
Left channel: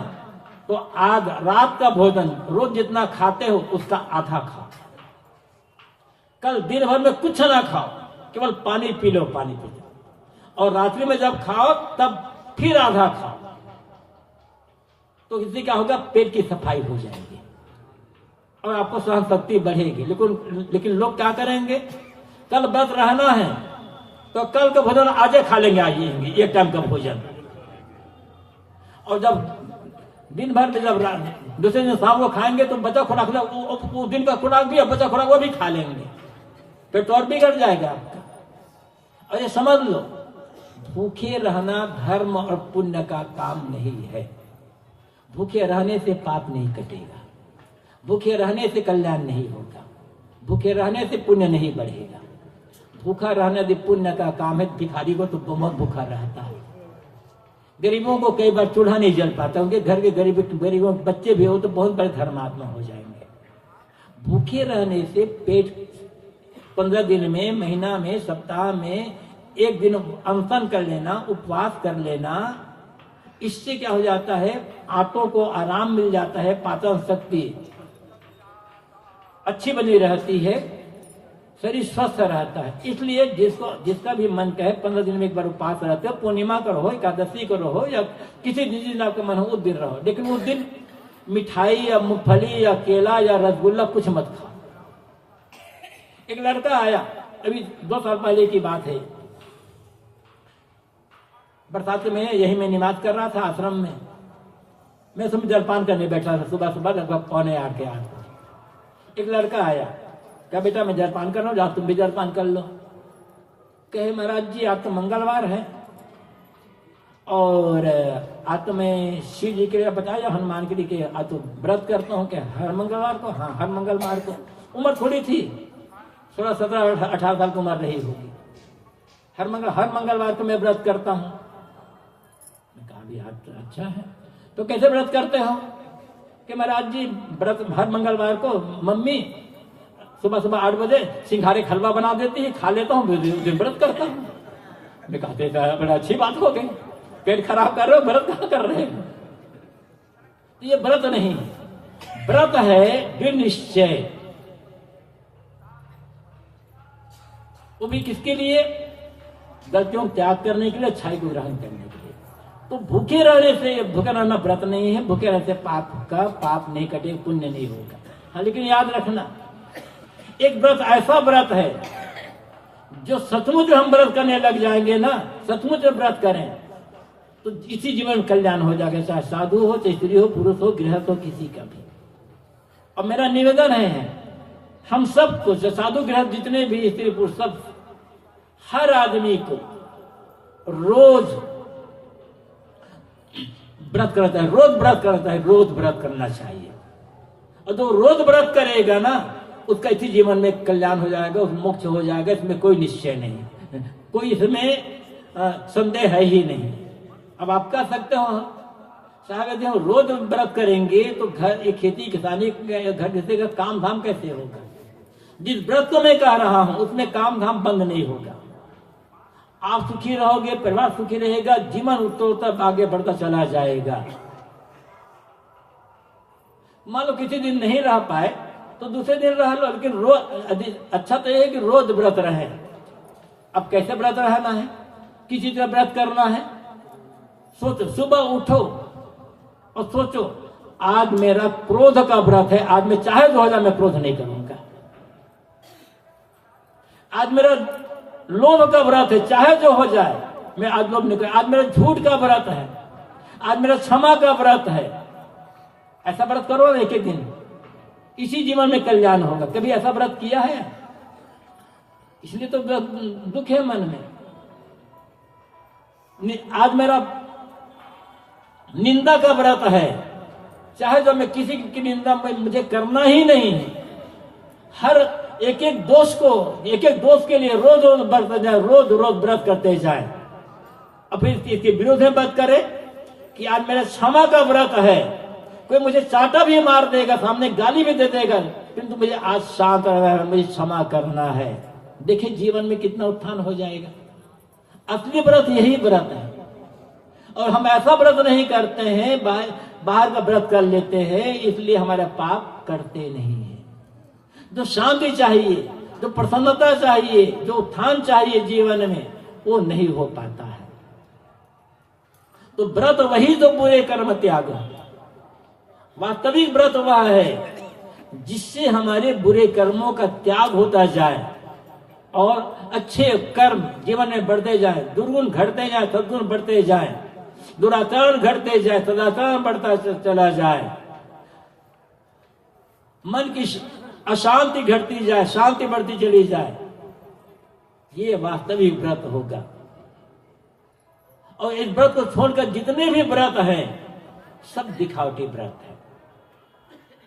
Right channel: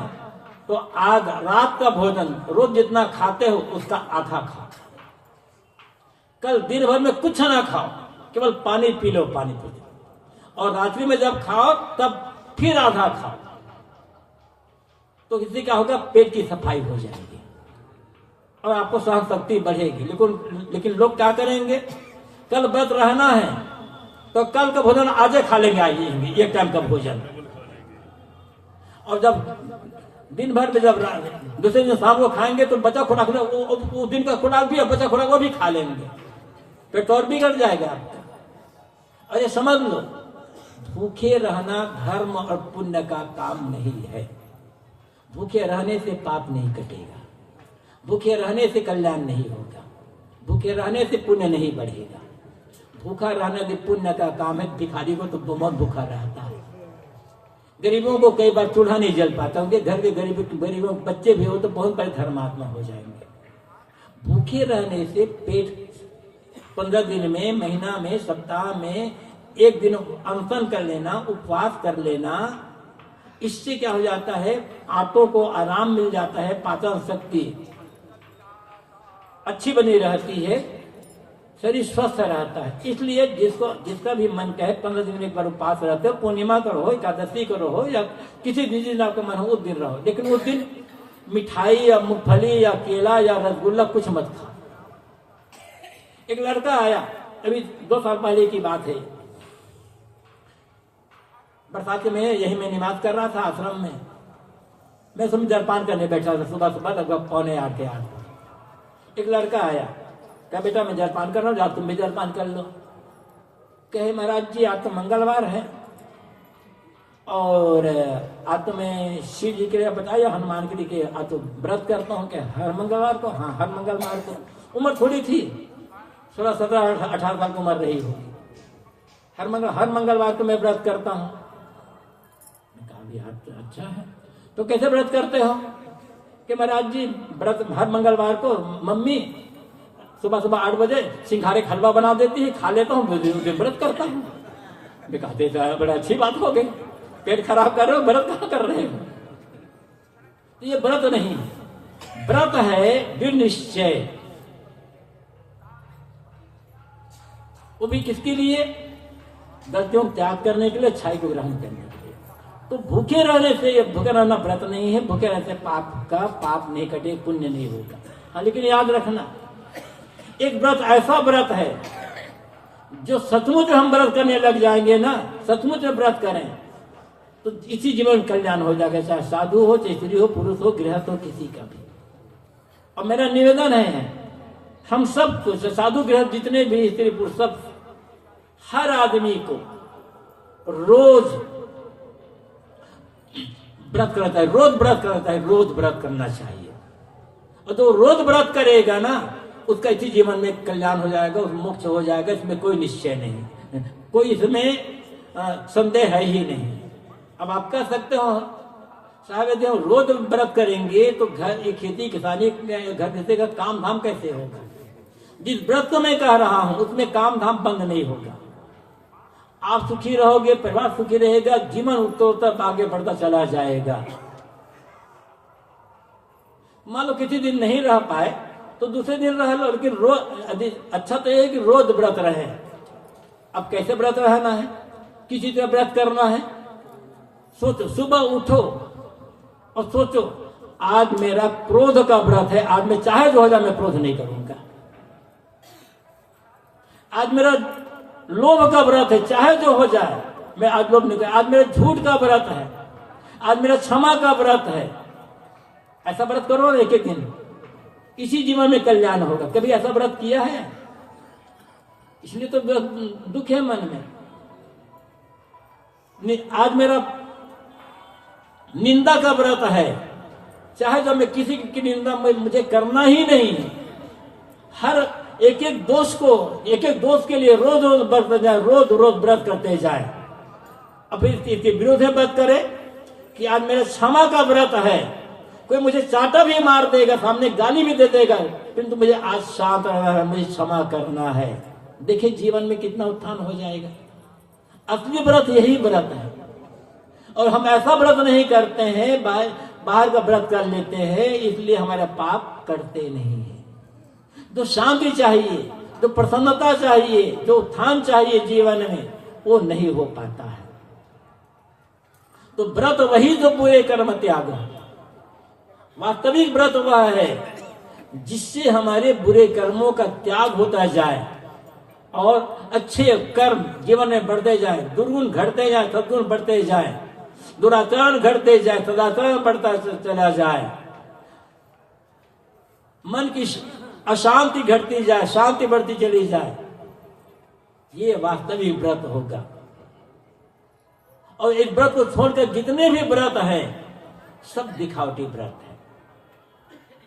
तो आज रात का भोजन रोज जितना खाते हो उसका आधा खाओ। कल दिन भर में कुछ ना खाओ, केवल पानी पी लो, पानी पी लो। और रात्रि में जब खाओ तब फिर आधा खाओ। तो इससे क्या होगा, पेट की सफाई हो जाएगी और आपको सहन शक्ति बढ़ेगी। लेकिन लोग क्या करेंगे, कल व्रत रहना है तो कल का भोजन आज खा लेंगे, आइएंगे एक टाइम का भोजन, और जब दिन भर में जब दूसरे दिन शाम को खाएंगे तो बचा खुराक, वो दिन का खुराक भी और बचा खुराक वो भी खा लेंगे, पेट और बिगड़ जाएगा आपका। और ये समझ लो, भूखे रहना धर्म और पुण्य का काम नहीं है। भूखे रहने से पाप नहीं कटेगा, भूखे रहने से कल्याण नहीं होगा, भूखे रहने से पुण्य नहीं बढ़ेगा। भूखा रहना भी पुण्य का काम है। भिखारी को तो बहुत भूखा रहता है, गरीबों को कई बार चूल्हा नहीं जल पाता, उनके घर के गरीबों के बच्चे भी हो तो बहुत बड़े धर्मात्मा हो जाएंगे। भूखे रहने से पेट 15 दिन में, महीना में, सप्ताह में एक दिन अनशन कर लेना, उपवास कर लेना, इससे क्या हो जाता है, आंतों को आराम मिल जाता है, पाचन शक्ति अच्छी बनी रहती है, शरीर स्वस्थ रहता है। इसलिए जिसका भी मन कहे 15 दिन में एक बार उपवास रहते हो, पूर्णिमा करो हो, एकादशी करो हो, या किसी दिन आपका मन हो उस दिन रहो, लेकिन उस दिन मिठाई या मूंगफली या केला या रसगुल्ला कुछ मत खा। एक लड़का आया, अभी 2 साल पहले की बात है, बरसात में यही मैं निवास कर रहा था आश्रम में, मैं सुबह जलपान करने बैठा था, सुबह सुबह लगभग 7:45 के आसपास। एक लड़का आया, क्या बेटा मैं जलपान कर रहा हूँ, तुम भी जलपान कर लो। कहे महाराज जी आज तो मंगलवार है और आज तो मैं शिव जी के लिए बताया, हनुमान के लिए आज तो व्रत करता हूँ। क्या हर मंगलवार को? हाँ हर मंगलवार को। उम्र थोड़ी थी, 16, 17, 18 साल की उम्र रही होगी। हर मंगलवार को मैं व्रत करता हूँ। तो अच्छा है, तो कैसे व्रत करते हो? कि महाराज जी व्रत हर मंगलवार को मम्मी सुबह सुबह 8 बजे सिंघारे हलवा बना देती है, खा लेता हूँ, दिन व्रत करता हूँ। मैं कहते बड़ा अच्छी बात हो गई, पेट खराब कर रहे हो, व्रत कहाँ कर रहे हो? ये व्रत नहीं, व्रत है दृढ़ निश्चय। वो भी किसके लिए? गलतियों त्याग करने के लिए, अच्छाई को ग्रहण करने के लिए। तो भूखे रहने से, भूखे रहना व्रत नहीं है, भूखे रहने से पाप नहीं कटे, पुण्य नहीं होगा। हाँ, लेकिन याद रखना, एक व्रत ऐसा व्रत है जो सचमुच हम व्रत करने लग जाएंगे ना, सचमुच व्रत करें तो इसी जीवन कल्याण हो जाएगा, चाहे साधु हो, चाहे स्त्री हो, पुरुष हो, गृहस्थ हो, किसी का भी। और मेरा निवेदन है हम सबको, साधु गृहस्थ जितने भी स्त्री पुरुष, सब हर आदमी को रोज व्रत करता है, रोज व्रत करता है, रोज व्रत करना चाहिए। और जो रोज व्रत करेगा ना, उसका इसी जीवन में कल्याण हो जाएगा, उस मोक्ष हो जाएगा, इसमें कोई निश्चय नहीं, कोई इसमें संदेह है ही नहीं। अब आप कह सकते हो साहब यदि हम रोज व्रत करेंगे तो घर, एक खेती किसानी घर जैसे का काम धाम कैसे होगा? जिस व्रत को मैं कह रहा हूं उसमें काम धाम बंद नहीं होगा। आप सुखी रहोगे, परिवार सुखी रहेगा, जीवन उत्तरोत्तर आगे बढ़ता चला जाएगा। मान लो किसी दिन नहीं रह पाए तो दूसरे दिन रह लो, लेकिन रोज अच्छा तो यह है कि रोज व्रत रहे। अब कैसे व्रत रहना है, किसी तरह व्रत करना है, सोचो, सुबह उठो और सोचो आज मेरा क्रोध का व्रत है, आज मैं चाहे जो हो जाए मैं क्रोध नहीं करूंगा। आज मेरा लोभ का व्रत है, चाहे जो हो जाए मैं आज लोभ नहीं करूंगा। आज मेरा झूठ का व्रत है, आज मेरा क्षमा का व्रत है। ऐसा व्रत करो ना एक एक दिन, इसी जीवन में कल्याण होगा। कभी ऐसा व्रत किया है? इसलिए तो दुख है मन में। आज मेरा निंदा का व्रत है, चाहे जो मैं किसी की निंदा मुझे करना ही नहीं है। हर एक एक दोष को, एक एक दोष के लिए रोज रोज व्रत जाए, रोज रोज व्रत करते जाए। अब इसके विरुद्ध है व्रत करे कि आज मेरा क्षमा का व्रत है, कोई मुझे चाटा भी मार देगा, सामने गाली भी दे देगा, किंतु मुझे आज शांत रहना है, मुझे क्षमा करना है। देखिए जीवन में कितना उत्थान हो जाएगा। असली व्रत यही व्रत है। और हम ऐसा व्रत नहीं करते हैं, बाहर का व्रत कर लेते हैं, इसलिए हमारा पाप करते नहीं है। जो शांति चाहिए, जो प्रसन्नता चाहिए, जो उत्थान चाहिए जीवन में, वो नहीं हो पाता है। तो व्रत वही जो पूरे कर्म त्यागो, वास्तविक व्रत वह है जिससे हमारे बुरे कर्मों का त्याग होता जाए और अच्छे कर्म जीवन में बढ़ते जाए, दुर्गुण घटते जाए, सद्गुण बढ़ते जाए, दुराचरण घटते जाए, सदाचरण बढ़ता चला जाए, मन की अशांति घटती जाए, शांति बढ़ती चली जाए। ये वास्तविक व्रत होगा। और इस व्रत को छोड़कर जितने भी व्रत हैं सब दिखावटी व्रत है।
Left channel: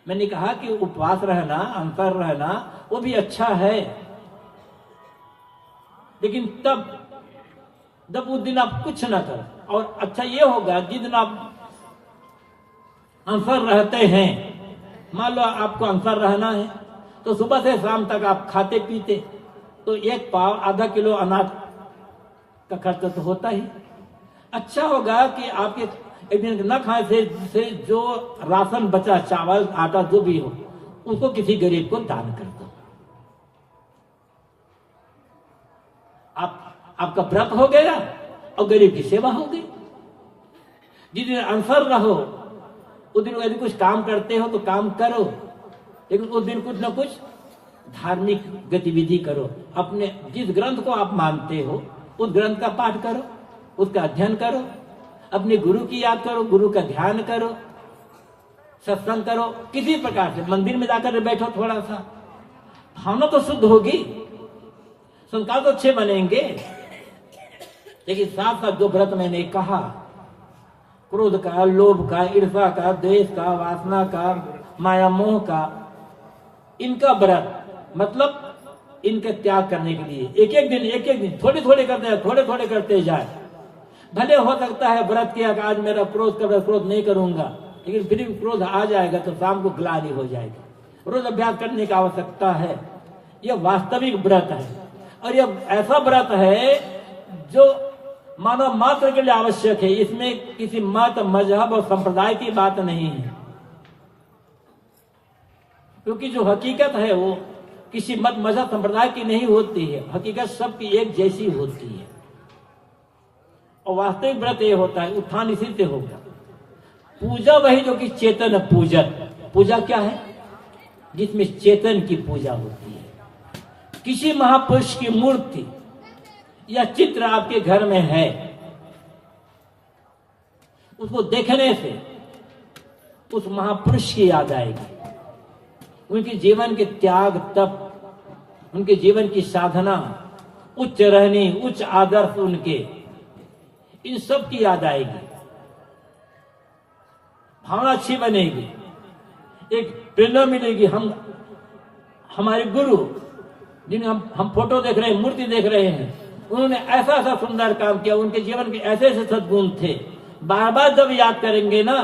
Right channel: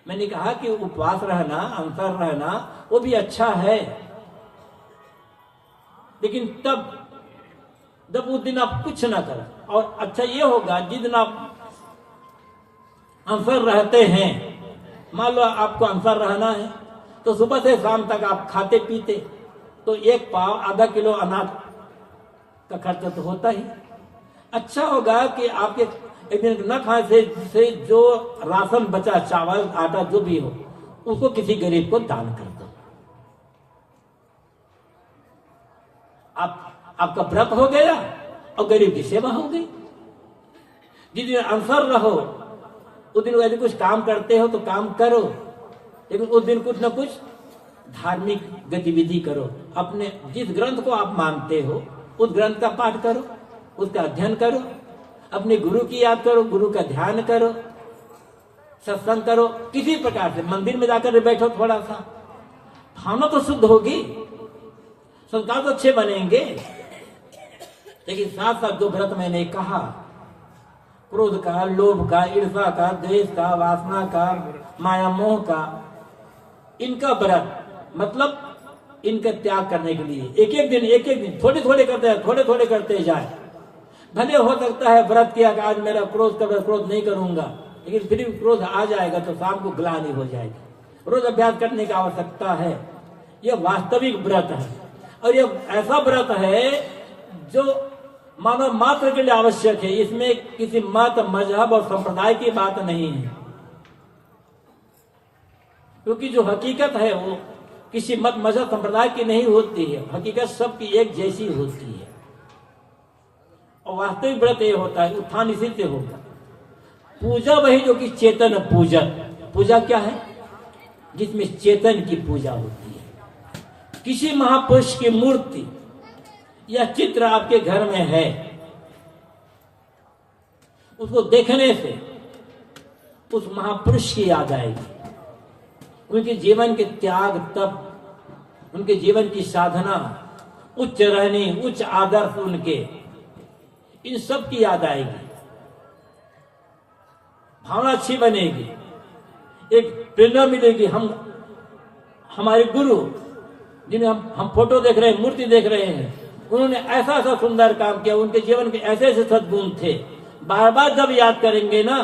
मैंने कहा कि उपवास रहना, अंतर रहना वो भी अच्छा है, लेकिन जब उस दिन आप कुछ ना करो। और अच्छा ये होगा जिस दिन आप अंतर रहते हैं, मान लो आपको अंतर रहना है तो सुबह से शाम तक आप खाते पीते, तो एक पाव आधा किलो अनाज का खर्च तो होता ही। अच्छा होगा कि आपके एक दिन न खाने से जो राशन बचा, चावल आटा जो भी हो, उसको किसी गरीब को दान कर दो। आपका व्रत हो गया और गरीब की सेवा हो गई। जिस दिन अनसर रहो उस दिन यदि कुछ काम करते हो तो काम करो, लेकिन उस दिन कुछ न कुछ धार्मिक गतिविधि करो। अपने जिस ग्रंथ को आप मानते हो उस ग्रंथ का पाठ करो, उसका अध्ययन करो, अपने गुरु की याद करो, गुरु का ध्यान करो, सत्संग करो। किसी प्रकार से मंदिर में जाकर बैठो, थोड़ा सा भावना तो शुद्ध होगी, संस्कार तो अच्छे बनेंगे। लेकिन साथ साथ जो व्रत मैंने कहा, क्रोध का, लोभ का, ईर्ष्या का, द्वेष का, वासना का, माया मोह का, इनका व्रत मतलब इनका त्याग करने के लिए एक एक दिन थोड़े थोड़े करते जाए। भले हो सकता है व्रत किया कि आज मेरा क्रोध नहीं करूंगा, लेकिन फिर भी क्रोध आ जाएगा तो शाम को ग्लानि हो जाएगी। रोज अभ्यास करने की आवश्यकता है। यह वास्तविक व्रत है और यह ऐसा व्रत है जो मानव मात्र के लिए आवश्यक है। इसमें किसी मत, मजहब और संप्रदाय की बात नहीं है, क्योंकि जो हकीकत है वो किसी मत, मजहब, संप्रदाय की नहीं होती है। हकीकत सबकी एक जैसी होती है। और वास्तविक व्रत ये होता है, उत्थान इसी से होगा। पूजा वही जो कि चेतन पूजा क्या है? जिसमें चेतन की पूजा होती है। किसी महापुरुष की मूर्ति या चित्र आपके घर में है, उसको देखने से उस महापुरुष की याद आएगी। उनके जीवन के त्याग, तप, उनके जीवन की साधना, उच्च रहनी, उच्च आदर्श, उनके इन सब की याद आएगी। भावना अच्छी बनेगी, एक प्रेरणा मिलेगी। हमारे गुरु जिन्हें हम फोटो देख रहे हैं, मूर्ति देख रहे हैं, उन्होंने ऐसा ऐसा सुंदर काम किया, उनके जीवन के ऐसे ऐसे सद्गुण थे। बार बार जब याद करेंगे ना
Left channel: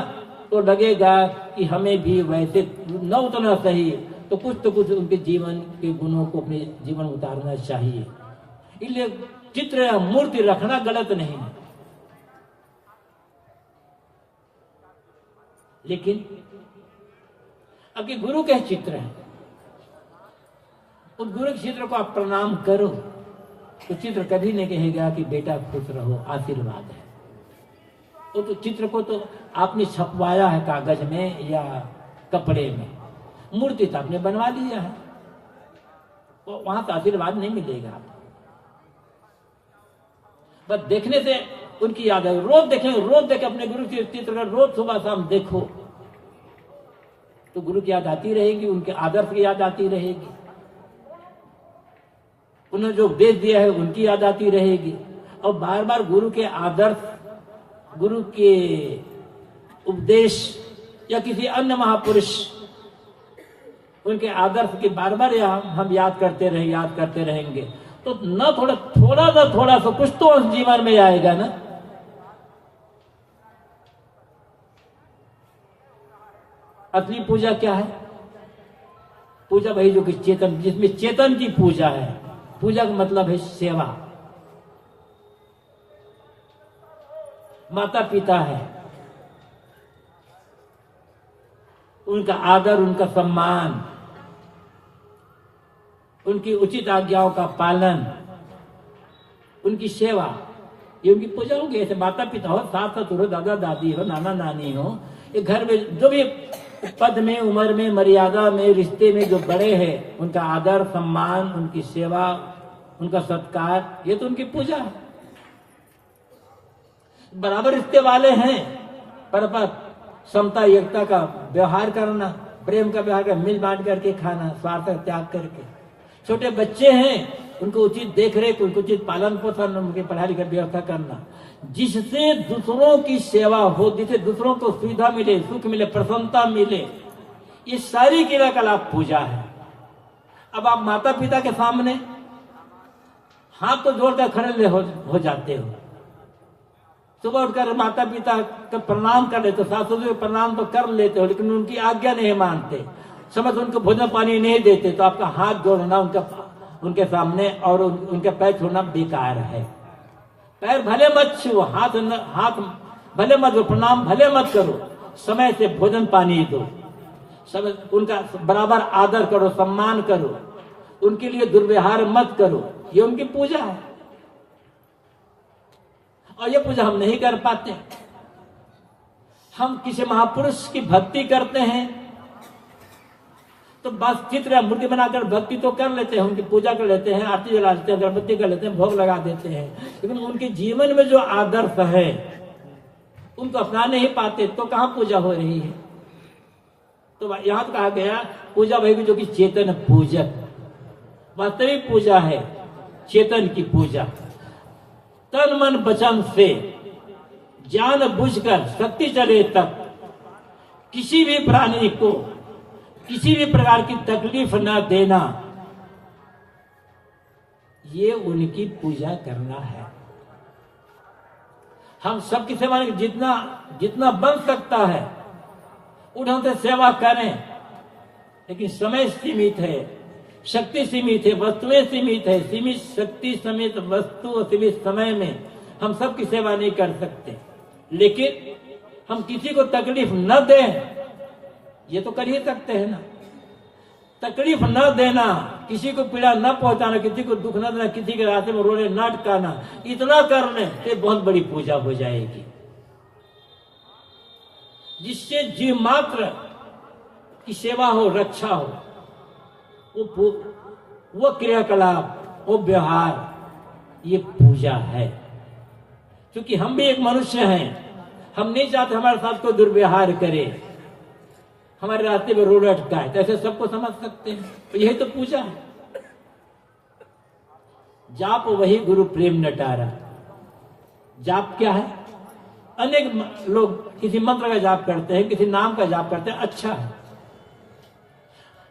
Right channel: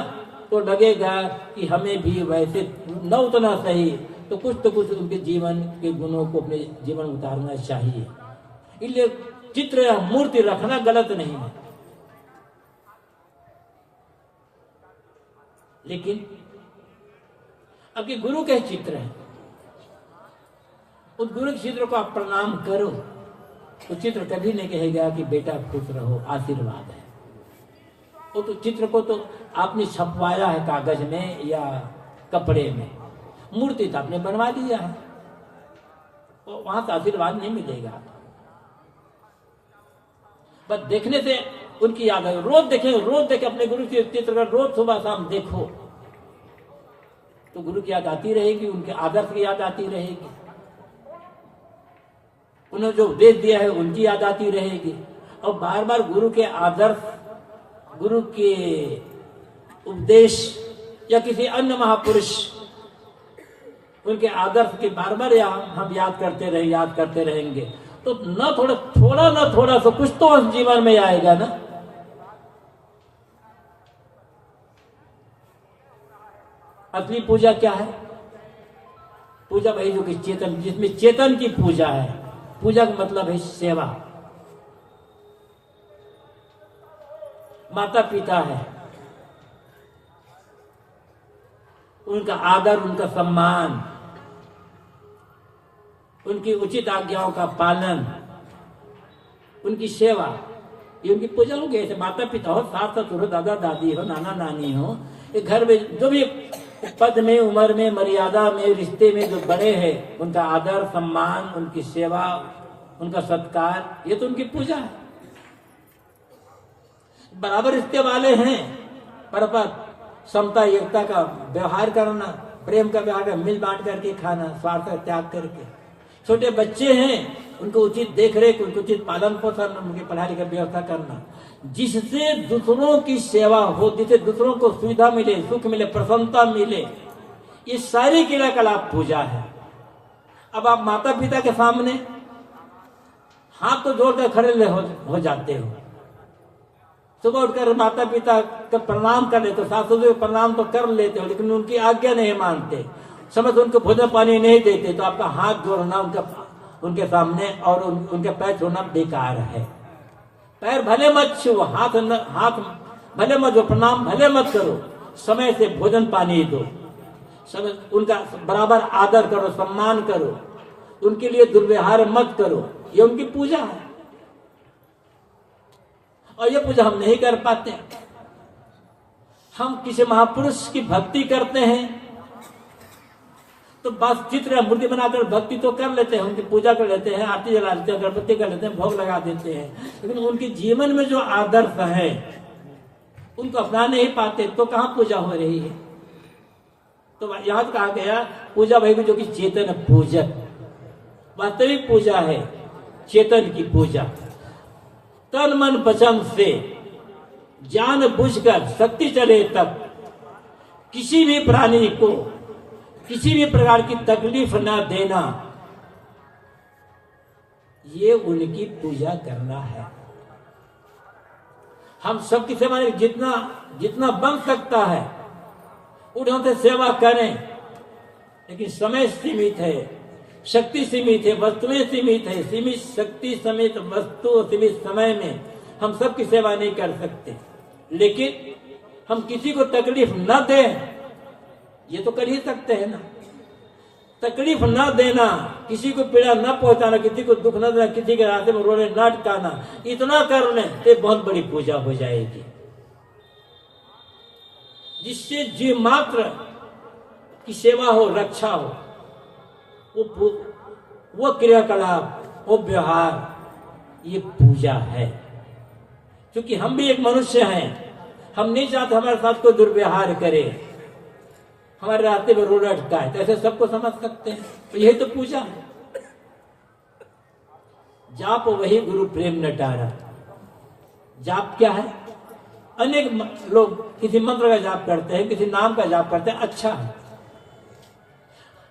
तो लगेगा कि हमें भी वैसे न उतना सही तो कुछ उनके जीवन के गुणों को अपने जीवन में उतारना चाहिए। इसलिए चित्र या मूर्ति रखना गलत नहीं है, लेकिन अभी गुरु के चित्र है, उस गुरु के चित्र को आप प्रणाम करो तो चित्र कभी नहीं कहेगा कि बेटा खुश रहो, आशीर्वाद है। वो तो चित्र को तो आपने छपवाया है कागज में या कपड़े में, मूर्ति तो आपने बनवा लिया है, तो वहां तो आशीर्वाद नहीं मिलेगा। बस देखने से उनकी याद है। रोज देखें अपने गुरु के चित्र का, रोज सुबह शाम देखो तो गुरु की याद आती रहेगी, उनके आदर्श की याद आती रहेगी, उन्होंने जो उपदेश दिया है उनकी याद आती रहेगी। और बार बार गुरु के आदर्श, गुरु के उपदेश या किसी अन्य महापुरुष उनके आदर्श के बार बार हम याद करते रहेंगे तो न थोड़ा सा कुछ तो जीवन में आएगा ना। असली पूजा क्या है? पूजा भाई जो कि चेतन, जिसमें चेतन की पूजा है। पूजा का मतलब है सेवा। माता पिता है, उनका आदर, उनका सम्मान, उनकी उचित आज्ञाओं का पालन, उनकी सेवा, ये उनकी पूजा होगी। ऐसे माता पिता हो, सास ससुर हो, दादा दादी हो, नाना नानी हो, ये घर में जो भी पद में, उम्र में, मर्यादा में, रिश्ते में जो बड़े हैं उनका आदर सम्मान, उनकी सेवा, उनका सत्कार, ये तो उनकी पूजा है। बराबर रिश्ते वाले हैं, परस्पर समता एकता का व्यवहार करना, प्रेम का व्यवहार करना, मिल बांट करके खाना, स्वार्थ त्याग करके। छोटे बच्चे हैं, उनको उचित देखरेख, उनको उचित पालन पोषण, उनके पढ़ाई की व्यवस्था करना, जिससे दूसरों की सेवा हो, जिससे दूसरों को सुविधा मिले, सुख मिले, प्रसन्नता मिले, ये सारी क्रियाकलाप पूजा है। अब आप माता पिता के सामने हाथ तो जोड़कर खड़े हो जाते हो, सुबह उठकर माता पिता का प्रणाम कर लेते हो, सास ससुर प्रणाम तो कर लेते हो, लेकिन उनकी आज्ञा नहीं मानते, समय से उनको भोजन पानी नहीं देते, तो आपका हाथ जोड़ना उनके सामने और उनके पैर छोड़ना बेकार है। पैर भले मत छुओ, हाथ भले मत दो, प्रणाम भले मत करो, समय से भोजन पानी दो, समय उनका बराबर आदर करो, सम्मान करो, उनके लिए दुर्व्यवहार मत करो, ये उनकी पूजा है। और ये पूजा हम नहीं कर पाते। हम किसी महापुरुष की भक्ति करते हैं तो बस चित्र मूर्ति बनाकर भक्ति तो कर लेते हैं, उनकी पूजा कर लेते हैं, आरती जला देते हैं, अगरबत्ती कर लेते हैं, भोग लगा देते हैं, लेकिन उनके जीवन में जो आदर्श है उनको अपना नहीं पाते, तो कहां पूजा हो रही है। तो यहां कहा गया पूजा वही जो कि चेतन पूजक, वास्तविक पूजा है चेतन की पूजा। तन मन वचन से जान बुझकर शक्ति चले तब किसी भी प्राणी को किसी भी प्रकार की तकलीफ न देना, ये उनकी पूजा करना है। हम सबकी सेवा में जितना जितना बन सकता है उठन से सेवा करें, लेकिन समय सीमित है, शक्ति सीमित है, वस्तुएं सीमित है, सीमित शक्ति समेत वस्तु और सीमित समय में हम सबकी सेवा नहीं कर सकते, लेकिन हम किसी को तकलीफ न दें ये तो कर ही सकते हैं ना। तकलीफ न देना, किसी को पीड़ा न पहुंचाना, किसी को दुख न देना, किसी के रास्ते में रोने न अटकाना, इतना करने से बहुत बड़ी पूजा हो जाएगी, जिससे जीव मात्र की सेवा हो, रक्षा हो, वो क्रियाकलाप, वो व्यवहार, ये पूजा है। क्योंकि हम भी एक मनुष्य हैं, हम नहीं चाहते हमारे साथ कोई दुर्व्यवहार करे, हमारे रास्ते में रोड अटकाए, तो ऐसे सबको समझ सकते हैं, तो यही तो पूजा है। जाप वही गुरु प्रेम नटारा। जाप क्या है? अनेक लोग किसी मंत्र का जाप करते हैं, किसी नाम का जाप करते हैं, अच्छा है।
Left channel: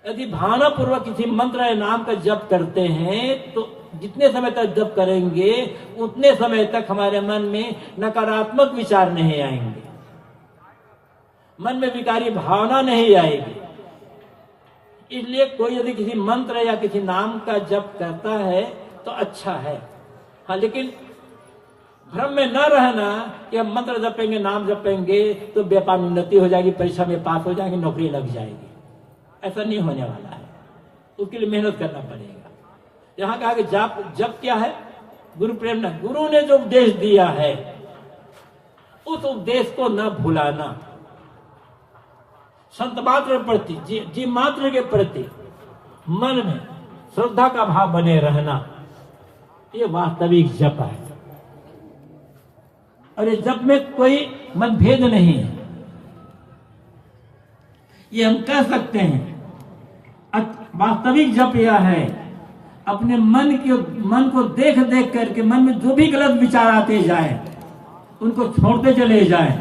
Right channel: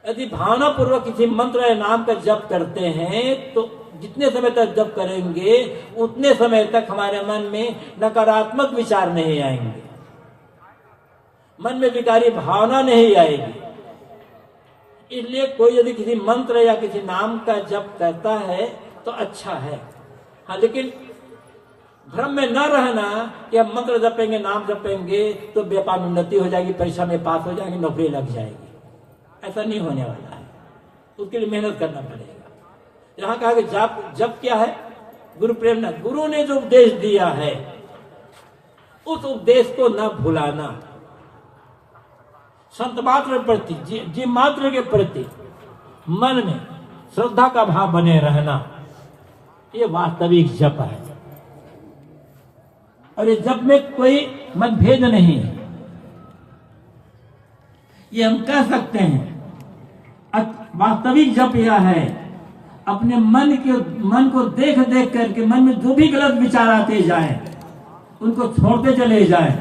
यदि भावना पूर्वक किसी मंत्र या नाम का जप करते हैं तो जितने समय तक जप करेंगे उतने समय तक हमारे मन में नकारात्मक विचार नहीं आएंगे, मन में विकारी भावना नहीं आएगी। इसलिए कोई यदि किसी मंत्र या किसी नाम का जप करता है तो अच्छा है, हाँ, लेकिन भ्रम में न रहना कि हम मंत्र जपेंगे, नाम जपेंगे तो व्यापार में उन्नति हो जाएगी, परीक्षा में पास हो जाएगी, नौकरी लग जाएगी। ऐसा नहीं होने वाला है, उसके लिए मेहनत करना पड़ेगा। यहां कहा कि जप क्या है? गुरु प्रेरणा। गुरु ने जो उपदेश दिया है उस उपदेश को न भुलाना, संत मात्र के प्रति, जीव मात्र के प्रति मन में श्रद्धा का भाव बने रहना, ये वास्तविक जप है। और इस जप में कोई मतभेद नहीं है, ये हम कह सकते हैं। वास्तविक जप यह है, अपने मन को देख देख करके मन में जो भी गलत विचार आते जाएं उनको छोड़ते चले जाएं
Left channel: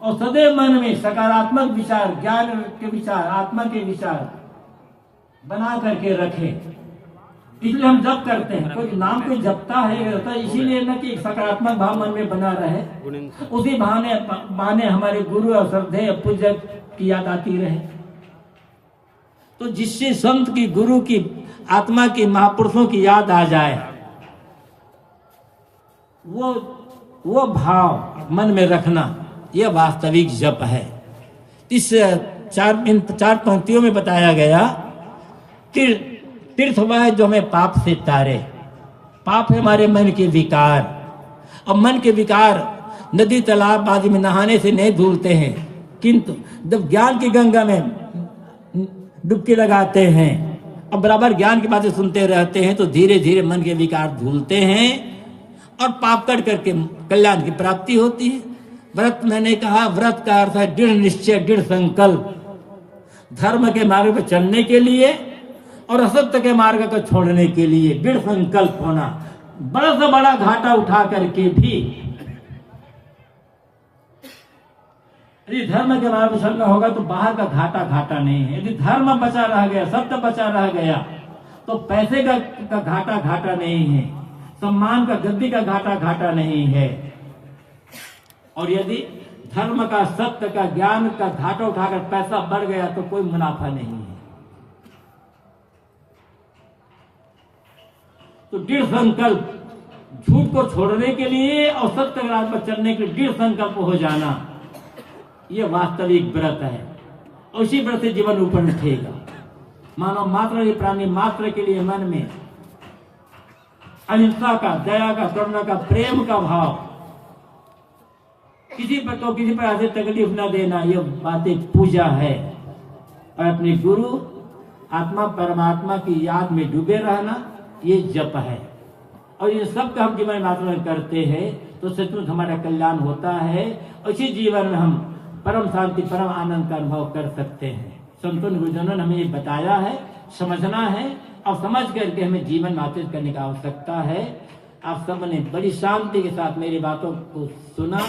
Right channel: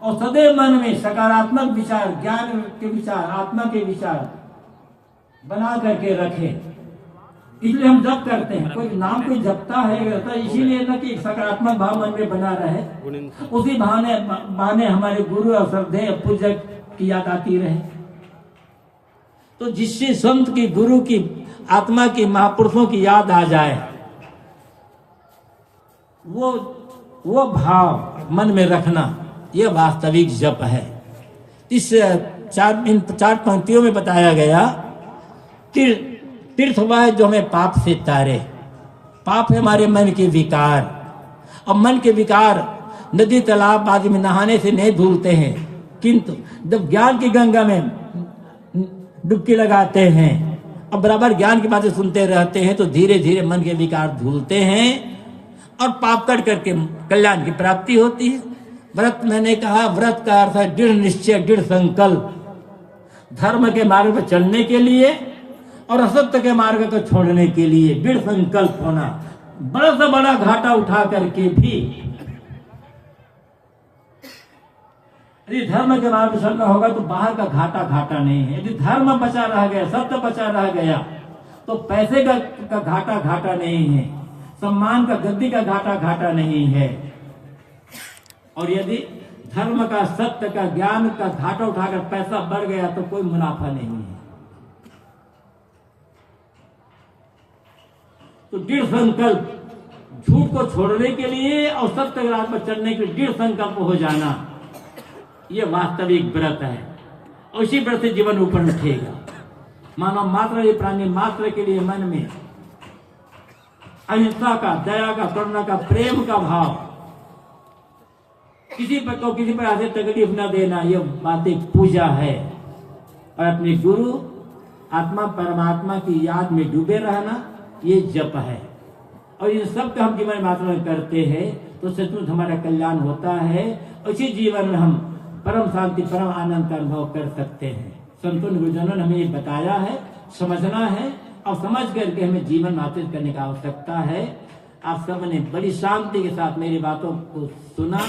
और सदैव मन में सकारात्मक विचार, ज्ञान के विचार, आत्मा के विचार बना करके रखें। इसलिए हम जप करते हैं, कोई नाम को जपता है इसीलिए न कि सकारात्मक भाव मन में बना रहे, उसी बहाने हमारे गुरु और श्रद्धेय पूज्य की याद आती रहे। तो जिससे संत की, गुरु की, आत्मा की, महापुरुषों की याद आ जाए, वो भाव मन में रखना, यह वास्तविक जप है। इस चार पंक्तियों में बताया गया तीर्थ वह है जो हमें पाप से तारे। पाप है हमारे मन के विकार। अब मन के विकार नदी तालाब आदि में नहाने से नहीं धुलते हैं, किंतु जब ज्ञान की गंगा में डुबकी लगाते हैं और बराबर ज्ञान की बातें सुनते रहते हैं तो धीरे धीरे मन के विकार धुलते हैं और पाप तड़ करके कल्याण की प्राप्ति होती है। व्रत मैंने कहा, व्रत का अर्थ है दृढ़ निश्चय, दृढ़ संकल्प, धर्म के मार्ग पर चलने के लिए और असत्य के मार्ग को छोड़ने के लिए दृढ़ संकल्प होना। बड़ा से बड़ा घाटा उठा करके भी यदि धर्म के मार्ग पर चलना होगा तो बाहर का घाटा घाटा नहीं है। यदि धर्म बचा रह गया, सत्य बचा रह गया तो पैसे का घाटा घाटा नहीं है, सम्मान का, गद्दी का घाटा घाटा नहीं है। और यदि धर्म का, सत्य का, ज्ञान का घाटा उठाकर पैसा बढ़ गया तो कोई मुनाफा नहीं है। तो दृढ़ संकल्प, झूठ को छोड़ने के लिए और सत्य के राह पर चलने के लिए दृढ़ संकल्प हो जाना, ये वास्तविक व्रत है। उसी व्रत से जीवन ऊपर उठेगा। मानव मात्र, प्राणी मात्र के लिए मन में अहिंसा का, दया का, करुणा का, प्रेम का भाव, किसी पर तो किसी पर ऐसे तकलीफ न देना, ये बातें पूजा है। और अपने गुरु आत्मा परमात्मा की याद में डूबे रहना, ये जप है। और इन सब का हम जीवन मात्र में करते हैं तो सचमुच हमारा कल्याण होता है। उसी जीवन में हम परम शांति, परम आनंद का अनुभव कर सकते हैं। संतों गुरुजनों ने हमें ये बताया है, समझना है और समझ करके हमें जीवन मार्जित करने की आवश्यकता है। आप सब ने बड़ी शांति के साथ मेरी बातों को सुना।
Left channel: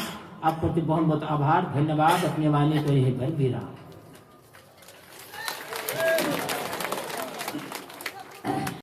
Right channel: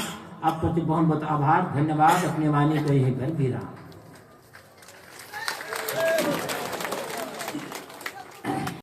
आप प्रति बहुत बहुत आभार, धन्यवाद। अपने वाणी को यही भर भी रहा।